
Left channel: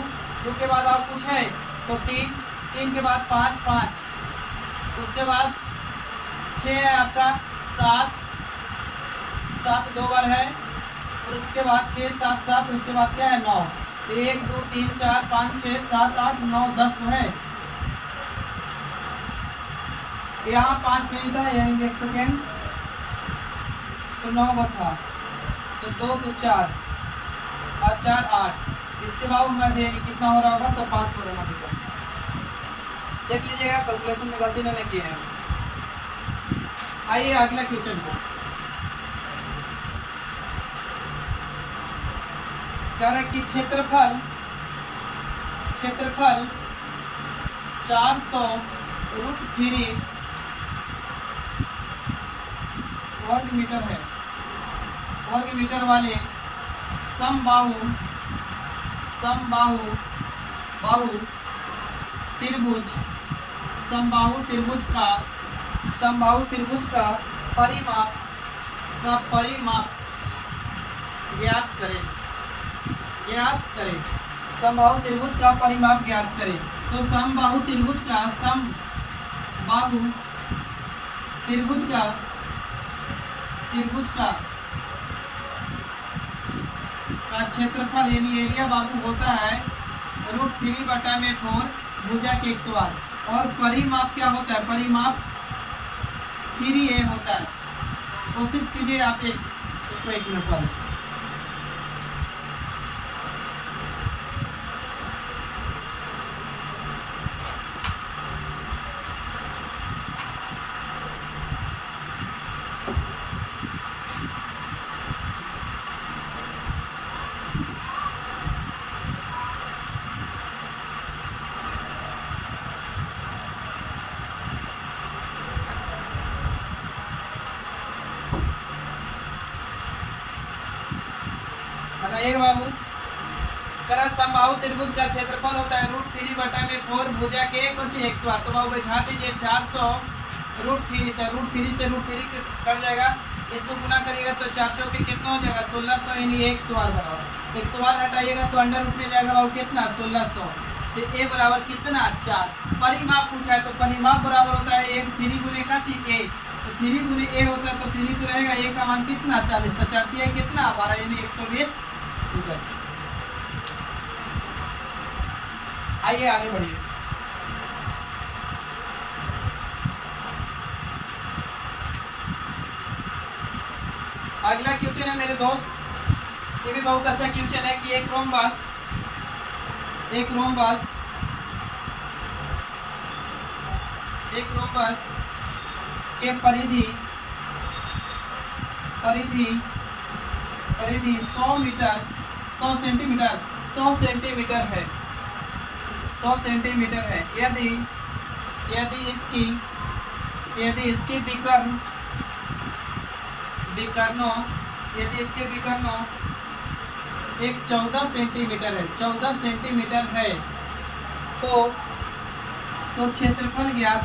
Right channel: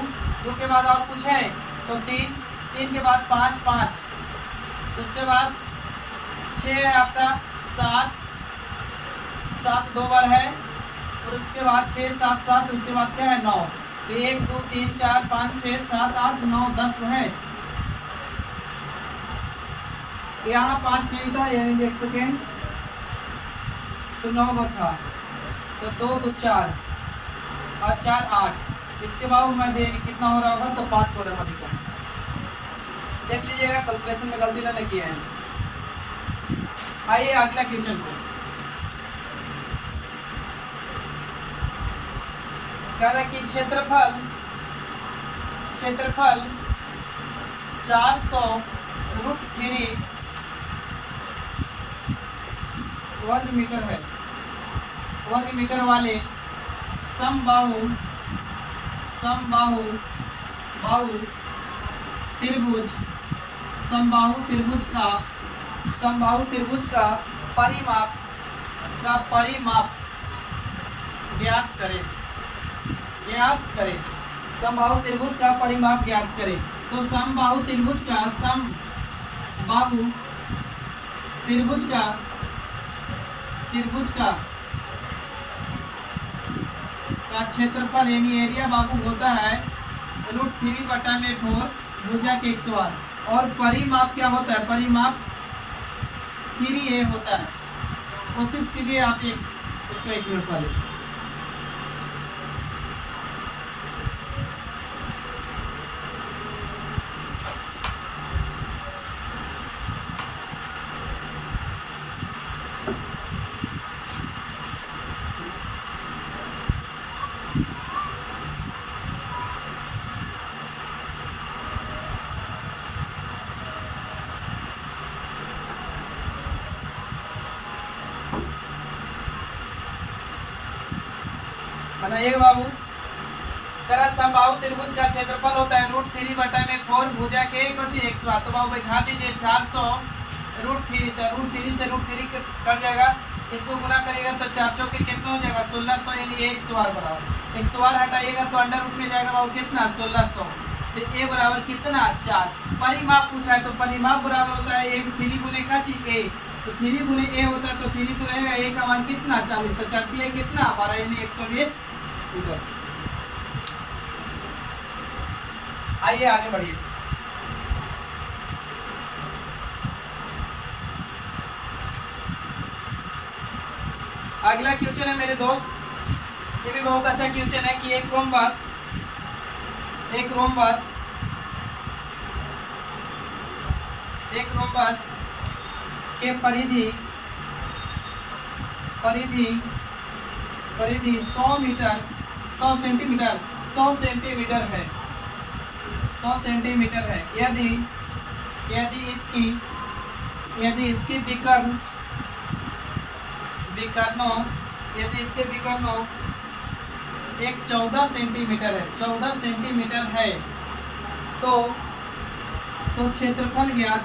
के बाद और कुछ है तो 3 के बाद 5 उसके बाद 6 है आपका, 7 2 बार है, और उसके बाद 6 7 7, उसके बाद क्या है 9, तो 1 2 3 4 5 6 7 8 9 10 है। यहाँ 5 नहीं था, यानी 1 सेकेंड, तो 9 था, तो 2 2 4 और 4 8, इसके बाद मैं दे कितना हो रहा होगा तो 5 हो रहा है। देख लीजिएगा कैलकुलेशन में गलती ना किए हैं। आइए अगला क्वेश्चन पर, कह रहा है कि क्षेत्रफल 400√3 वर्ग मीटर है, वर्ग मीटर वाले समबाहु समबाहु त्रिभुज का परिमाप ज्ञात करें। समबाहु त्रिभुज का परिमाप ज्ञात करें। तो समबाहु त्रिभुज का क्षेत्रफल यानी एरिया बाबू होता है √3/4 भुजा के 108, और परिमाप क्या होता है, परिमाप 3a होता है। कोशिश कीजिए आप इसको 1 मिनट पहले बनाइएगा बाबू। करा समबाहु त्रिभुज का क्षेत्रफल होता है √3/4 भुजा के कुछ x बार। तो बाबू बैठा दीजिए 400 √3, तो √3 से √3 कट जाएगा, इसको गुना करिएगा तो 400 के कितना हो जाएगा 1600, यानी 100 बराबर 100 हटाइएगा तो अंडर रूट में जाएगा बाबू कितना 1600। तो a बराबर कितना 4। परिमाप पूछा है तो परिमाप बराबर होता है 1 3 गुने का चीज a, तो 3 गुने a होता है तो 3 तो रहेगा a का मान कितना 40, तो 4 है कितना 12 यानी 120 मीटर। आइए आगे बढ़िए। अगला क्वेश्चन है मेरे दोस्त, ये भी बहुत अच्छा क्वेश्चन है कि एक रोम्बस के परिधि 100 सेंटीमीटर है, 100 सेंटीमीटर है। यदि इसकी विकर्णों एक 14 सेंटीमीटर है, तो क्षेत्रफल ज्ञात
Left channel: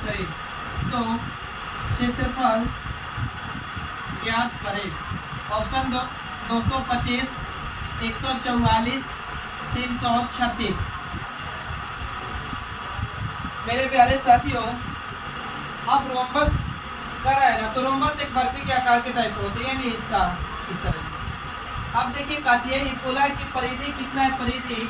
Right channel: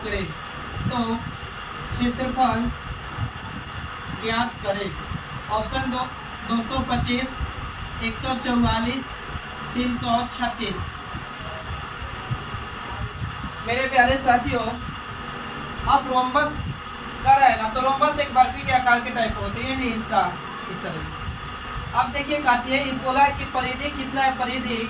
करें। ऑप्शन 225, 144, 336। मेरे प्यारे साथियों, अब रोम्बस कर रहा है ना, तो रोम्बस एक बर्फी के आकार के टाइप होती है, नहीं इसका इस तरह से। अब देखिए काचिए, बोला है कि परिधि कितना है, परिधि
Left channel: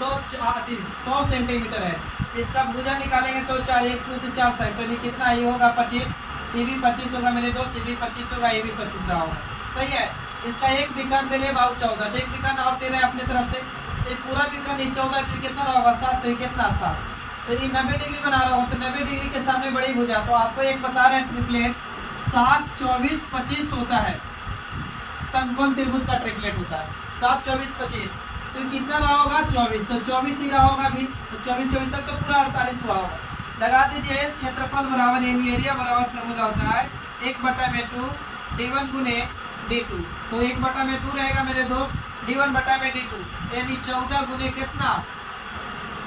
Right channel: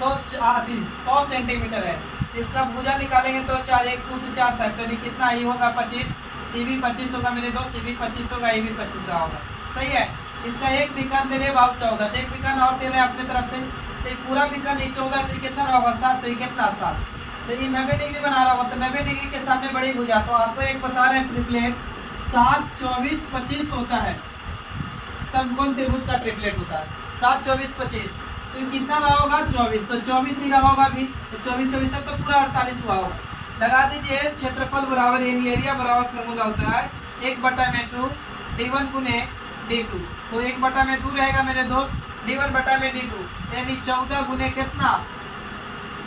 तो 100 सेंटीमीटर है। इसका भुजा निकालेंगे तो 4 1 2 4 साइड, तो कितना ये होगा 25, ये भी 25 होगा मेरे दोस्त, ये भी 25 होगा, ये भी 25 रहा होगा, सही है। इसका एक विकर्ण दे रहे बाबू 14, तो एक विकर्ण और दे रहे हैं अपने तरफ से, तो पूरा विकर्ण ये 14 तो कितना होगा 7, तो ये कितना 7, तो ये 90 डिग्री बना रहा होगा, तो 90 डिग्री के सामने बड़ी भुजा। तो आपको एक बता रहे हैं ट्रिपलेट 7 24 25 होता है, समकोण त्रिभुज का ट्रिपलेट होता है 7 24 25, तो कितना रहा होगा 24, तो 24 ही रहा होगा भी, तो 24 तक तो पूरा 48 हुआ होगा। लगा दीजिए क्षेत्रफल बराबर यानी एरिया बराबर फॉर्मूला होता है 1/2 d1 गुने d2, तो 1/2 रहेगा मेरे दोस्त d1/d2, यानी 14 गुने कितना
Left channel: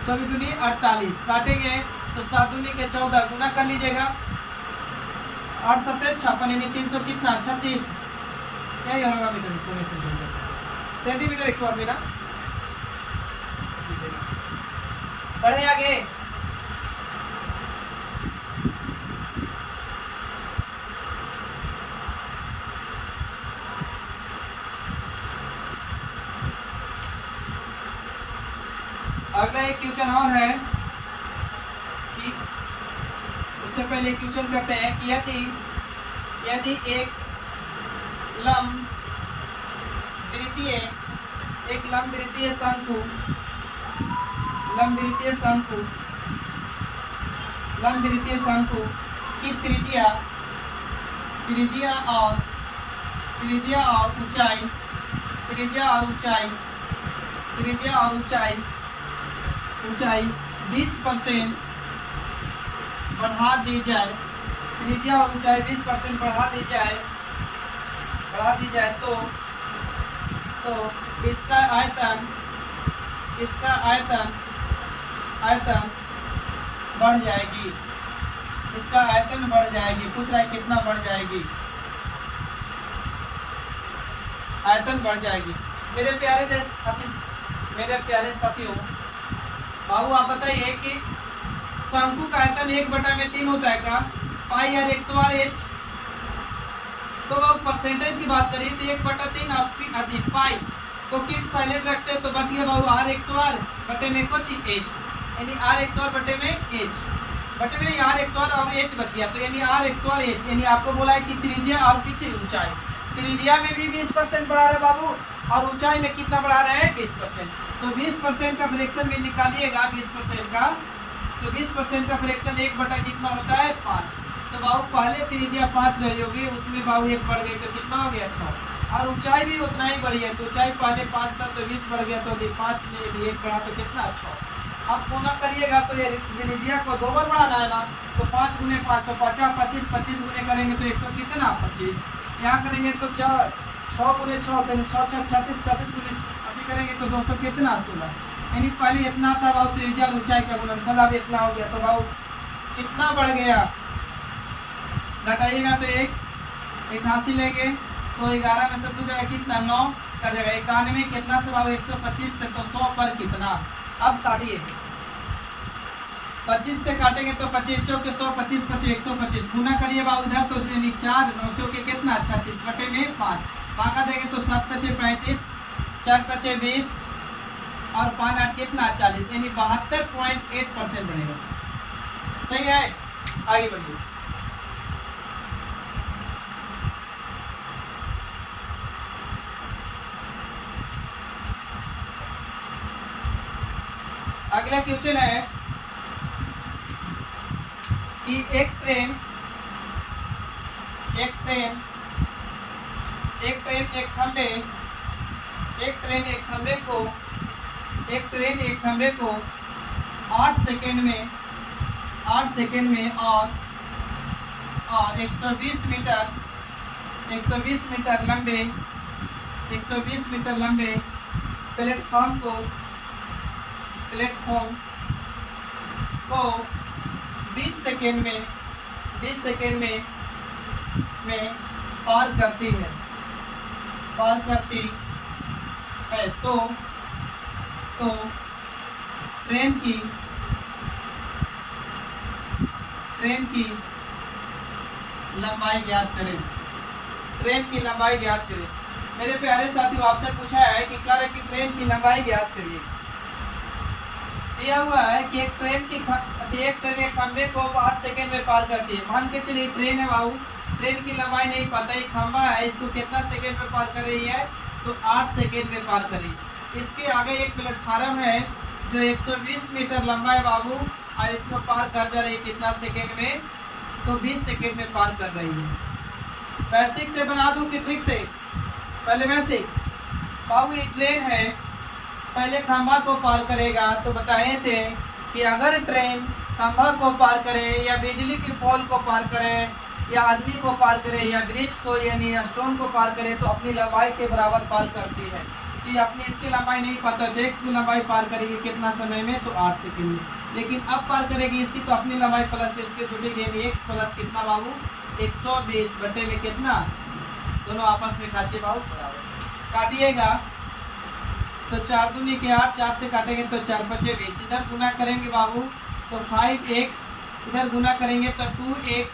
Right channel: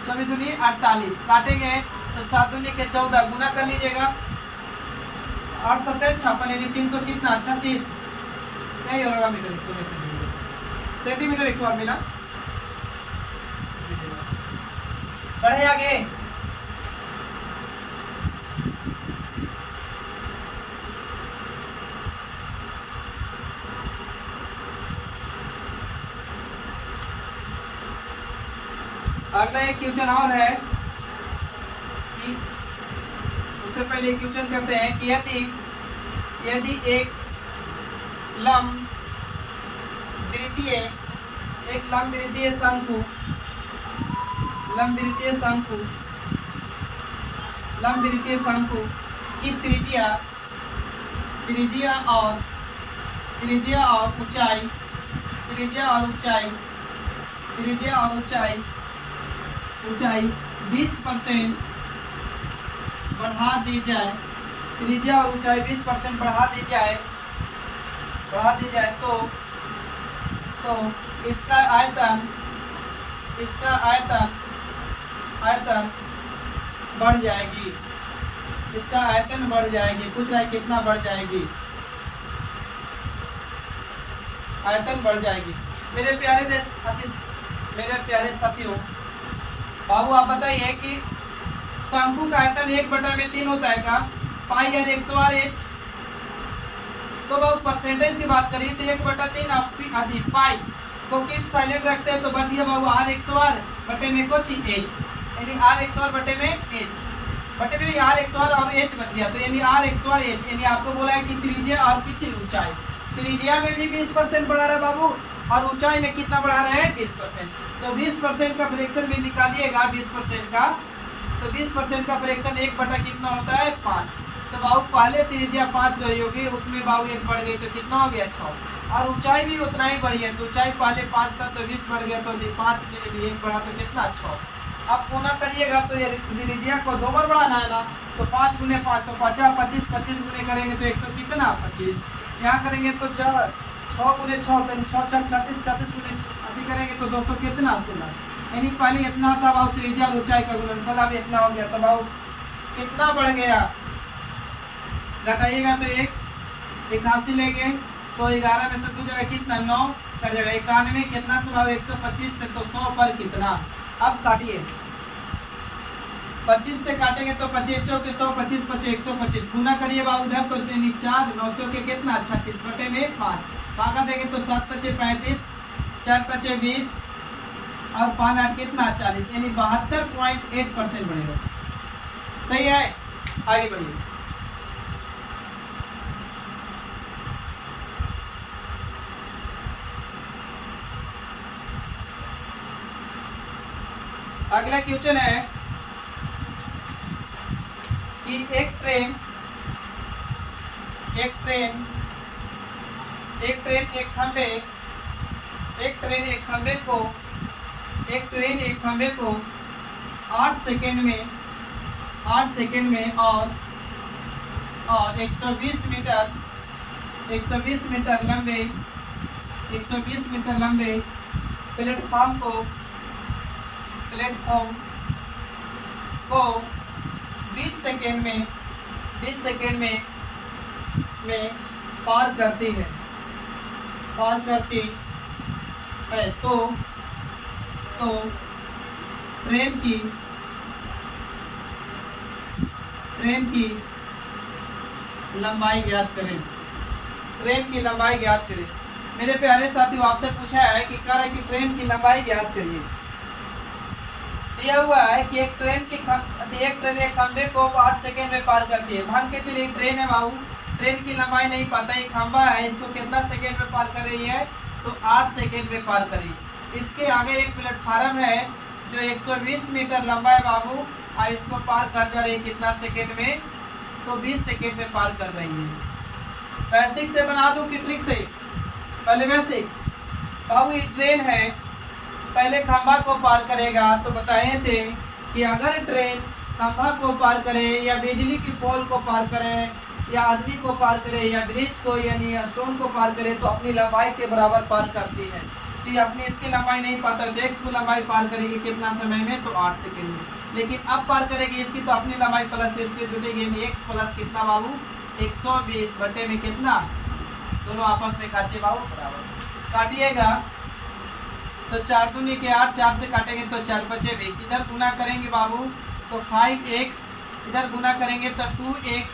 24 दूनी 48, काटेंगे तो 7 दूनी के 14 गुना कर लीजिएगा 8 7 56, यानी 300 कितना 36, यही होगा मीटर सेंटीमीटर 100 बार मिला। बढ़े आगे। अगला एक क्वेश्चन और है कि उससे पहले क्वेश्चन करते हैं कि यदि एक लंबवृत्तीय शंकु की त्रिज्या और ऊंचाई 20% बढ़ा दी जाए, त्रिज्या और ऊंचाई 20% बढ़ा दी जाए तो इसका आयतन बढ़ जाएगी, पूछ रहा है कितना बढ़ जाएगी, आयतन बढ़ जाएगी। मेरे प्यारे साथियों, बाबू आप बताइए कि शंकु का आयतन 1/3 होता है का पाई आर 100 तो बाबू परसेंटेज की बात करिए तो 1/3 अधिक पाई को कीप साइलेंट रखते हैं तो बच गया बाबू r 100 बटे में कुछ h, यानी r 100 बटे में h बटे में r 100 और h बच गया, तो यानी r 100 h, यानी आपको बोला है कि त्रिज्या और पीछे ऊंचाई, त्रिज्या में भी 20% बढ़ा रहा है बाबू और ऊंचाई में कितना बढ़ा रहे हैं 20%, तो 20% का फ्रैक्शन में निकालिएगा 20% का, तो 20% का फ्रैक्शन 1 कितना होता है 5, तो बाबू पहले त्रिज्या 5 रही होगी, उसमें बाबू 1 बढ़ गई तो कितना हो गया 6, और ऊंचाई भी उतना ही बढ़ी है, तो ऊंचाई पहले 5 था तो 20 बढ़ गया, तो 5 में 1 बढ़ा तो कितना 6। अब पूरा करिएगा तो ये त्रिज्या को 2 बार बढ़ाना है ना, तो 5 गुने 5 तो 50 25 25 गुने करेंगे तो 100 कितना 25, यहाँ करेंगे तो 6 गुने 6 होते हैं, 6 6 36, 36 गुने अभी करेंगे तो 200 कितना 16। यानी पहले इतना था भाव त्रिज्या और ऊंचाई का गुणनफल, अब इतना हो गया तो भाव कितना बढ़ गया, घटाइएगा तो 81 लेंगे तो 11 में से 2 जगह कितना 9 कट जाएगा, 91 कितना से भाव 125 से, तो 100 पर कितना। अब काटिए, 25 से काटेंगे तो 25 चौके 100, 25 25 125 गुना करिए बाबू इधर तो 4 9 चौके कितना 36 बटे में 5, भागा देंगे तो 7 पचे 35, 4 पचे 20 और 5 8 कितना 40, यानी 72.8% बढ़ेगा। सही है, आगे बढ़िए। अगला क्वेश्चन है कि एक ट्रेन एक खंबे को 8 सेकेंड में और 120 मीटर लंबे प्लेटफॉर्म को 20 सेकेंड में पार करती है तो ट्रेन की लंबाई ज्ञात करें। मेरे प्यारे साथियों, आपसे पूछा है कि कार्य की ट्रेन की लंबाई ज्ञात करिए। दिया हुआ है कि एक ट्रेन एक खंबे को 8 सेकेंड में पार करती है। मान के चलिए ट्रेन है बाबू, ट्रेन की लंबाई नहीं पता, ये खंबा है, इसको कितना सेकेंड में पार कर रही है, तो 8 सेकेंड में पार कर रही है। इसके आगे एक प्लेटफार्म है जो 120 मीटर लंबा है बाबू, और इसको पार कर जा रही है कितना सेकेंड में, तो 20 सेकेंड में पार कर रही है। बेसिक से बना दूं कि ट्रिक से? पहले बेसिक बाबू, ये ट्रेन है, पहले खंभा को पार करेगा, तो बताए थे कि अगर ट्रेन खंभा को पार करे या बिजली के पोल को पार करे या आदमी को पार करे या ब्रिज को यानी स्टोन को पार करे, तो अपनी लंबाई के बराबर पार करती है। तो ये अपनी इसकी लंबाई नहीं पता है, तो एक्स की लंबाई पार करेगी कितना समय में, तो 8 सेकेंड में। लेकिन अब पार करेगी इसकी, तो अपनी लंबाई प्लस इसकी जुटेगी, यानी एक्स प्लस कितना बाबू 120 बटे में कितना, दोनों आपस में काटिए बाबू बराबर। काटिएगा तो 4 दूनी के 8, 4 से काटेंगे तो 4 पचे 20, इधर गुना करेंगे बाबू तो 5x, इधर गुना करेंगे तो 2x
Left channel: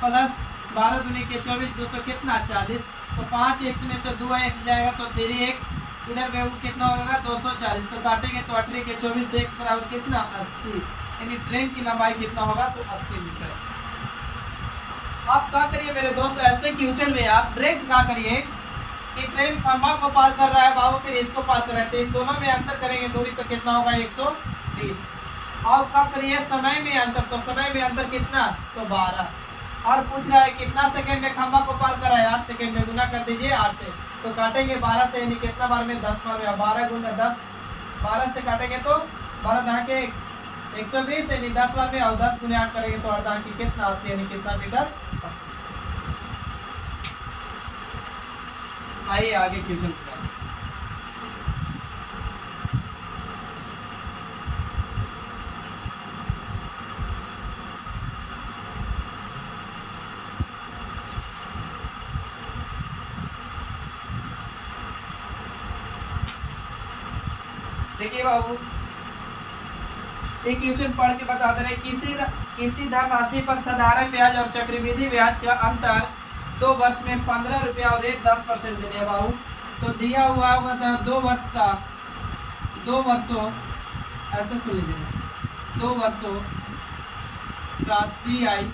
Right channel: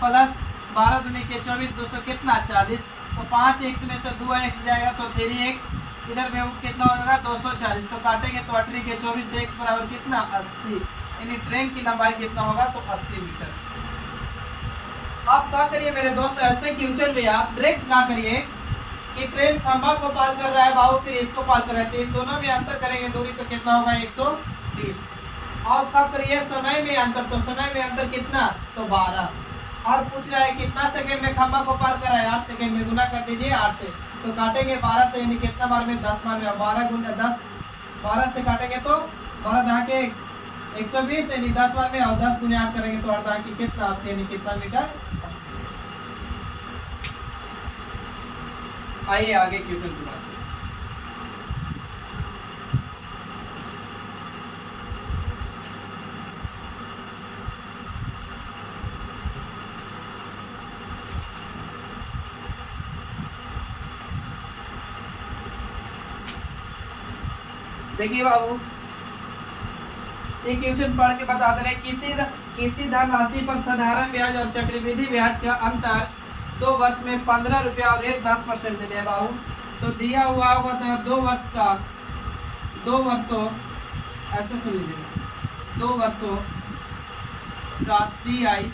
प्लस 12 दूनी के 24, 200 कितना 40, तो 5x में से 2x जाएगा तो 3x, इधर में कितना होगा 240, तो काटेंगे तो 18 के 24, तो x बराबर कितना 80, यानी ट्रेन की लंबाई कितना होगा तो 80 मीटर। आप क्या करिए मेरे दोस्त, ऐसे क्वेश्चन में आप डायरेक्ट क्या करिए कि ट्रेन खंभा को पार कर रहा है बाबू, फिर इसको पार कर रहा है, तो इन दोनों में अंतर करेंगे दूरी, तो कितना होगा 120। अब कब करिए समय में अंतर, तो समय में अंतर कितना, तो 12। और पूछ रहा है कितना सेकंड में खंभा को पार कर रहा है, 8 सेकंड में, गुना कर दीजिए 8 से, तो काटेंगे 12 से, यानी कितना बार में 10 बार में, 12 गुना 10, 12 से काटेंगे तो 12 दहा के 120, यानी 10 बार में, और 10 गुने 8 करेंगे तो 8 दहा की कितना 80, यानी कितना मीटर 80। आइए आगे क्वेश्चन पूरा। देखिए बाबू, एक क्वेश्चन पढ़ के बता दे रहे, किसी धनराशि पर साधारण ब्याज और चक्रवृद्धि ब्याज का अंतर 2 वर्ष में 15 रुपया और रेट 10% दे दिया बाबू। तो दिया हुआ होगा 2 वर्षों ऐसा सुन लीजिएगा, 2 वर्षों का CI/SI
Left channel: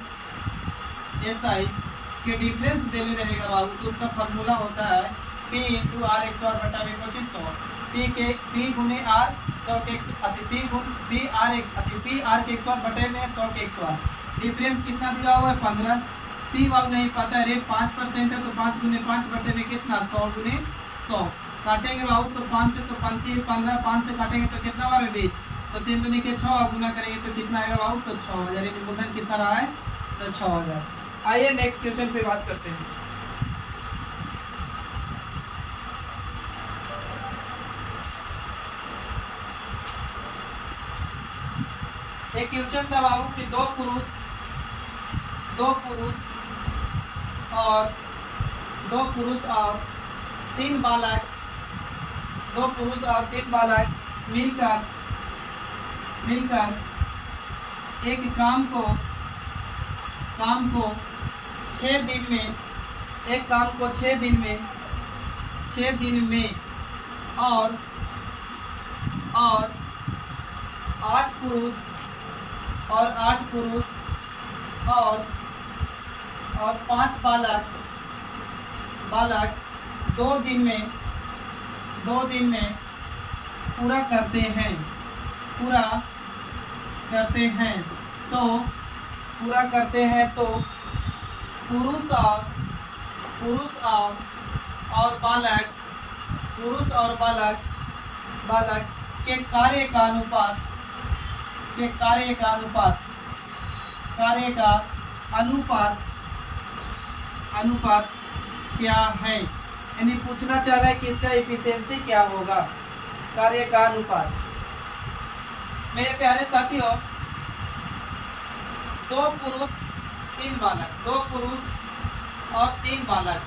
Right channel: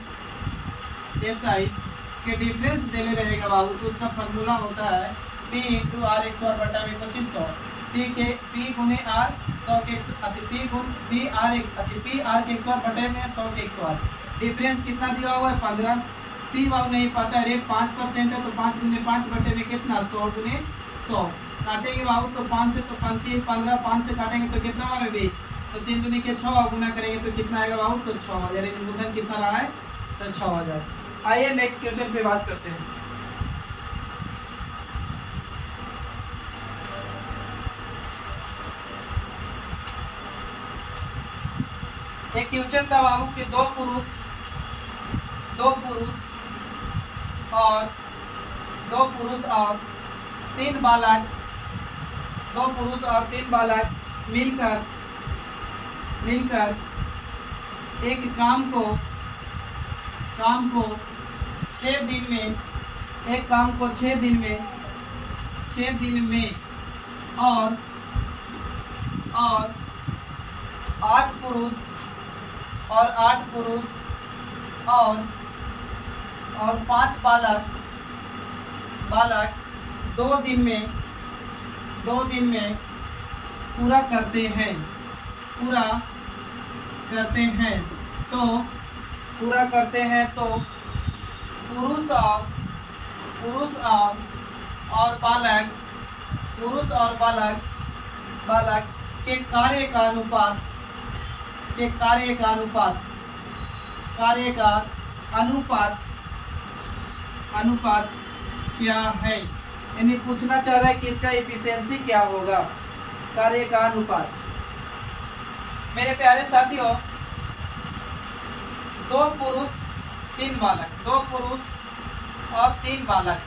के डिफरेंस देने रहेगा बाबू, तो उसका फार्मूला होता है P × R 100 बटा में 2500, P गुने R 100 के P R के 100 बटे में 100 के 100। डिफरेंस कितना दिया हुआ है 15, P बाबू नहीं पता है, रेट 5% है, तो 5 गुने 5 बटे में कितना 100 गुने 100। काटेंगे बाबू तो 5 से तो 15, 5 से काटेंगे तो कितना बार 20, तो 3 दूनी के 6, गुना करेंगे तो कितना आएगा बाबू, तो 6000, यानी मूलधन कितना रहा है, तो 6000। आइए नेक्स्ट क्वेश्चन पे बात करते हैं। एक क्वेश्चन था बाबू कि दो पुरुष और तीन बालक मिलकर एक काम को 6 दिन में और 8 पुरुष और 5 बालक 2 दिन में पूरा करते हैं तो पुरुष और बालक के कार्य का अनुपात क्या है। यानी पूछना चाह रहा है कि इसका एफिशिएंसी क्या होगा, कार्य का अनुपात। मेरे प्यारे साथियों, 2 पुरुष और 3 बालक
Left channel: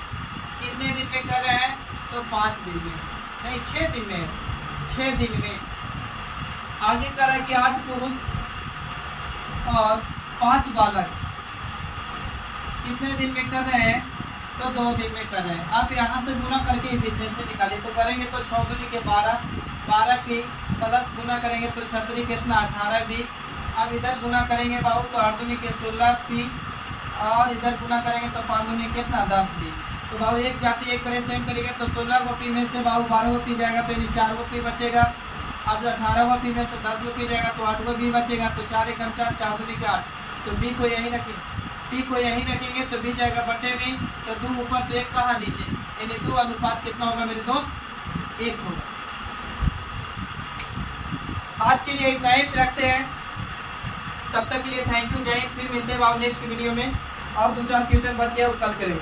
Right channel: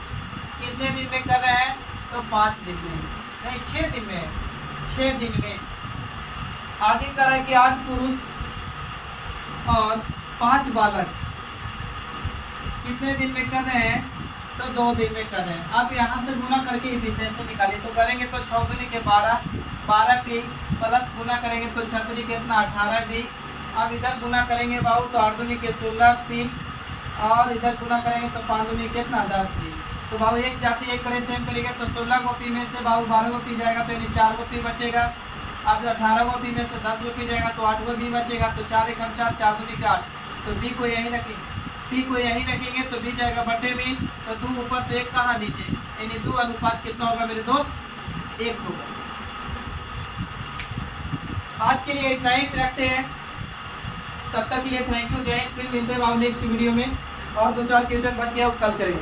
कितने दिन में कर रहे हैं? तो 5 दिन में, नहीं 6 दिन में। आगे कर रहा है कि 8 पुरुष और 5 बालक कितने दिन में कर रहे हैं? तो 2 दिन में कर रहे हैं। अब यहाँ से गुना करके एफिशिएंसी निकालिए। तो करेंगे तो 6 दूनी के 12 की प्लस गुना करेंगे तो 6 कितना 18 भी। अब इधर गुना करेंगे बाबू तो 8 दूनी के 16 पी और इधर गुना करेंगे तो 5 दूनी कितना 10 पी। तो बाबू एक जाति एक करे सेम करेगा तो 16 गो पी में से बाबू 12 गो पी जाएगा तो यानी 4 गो पी बचेगा। अब 18 गो पी में से 10 गो पी जाएगा तो 8 गो बी बचेगा। तो 4 एकम 4 दूनी का 8। तो बी को यहीं रखेंगे तो बी जाएगा बटे में। तो 2 ऊपर तो 1 कहाँ नीचे, यानी 2 अनुपात कितना होगा मेरे दोस्त? 1 होगा। आज के लिए इतना ही रखते हैं। तब तक के लिए थैंक यू, जय हिंद। फिर मिलते हैं बाबू नेक्स्ट वीडियो में। और 2-4 क्वेश्चन बच गया वो कल करेंगे।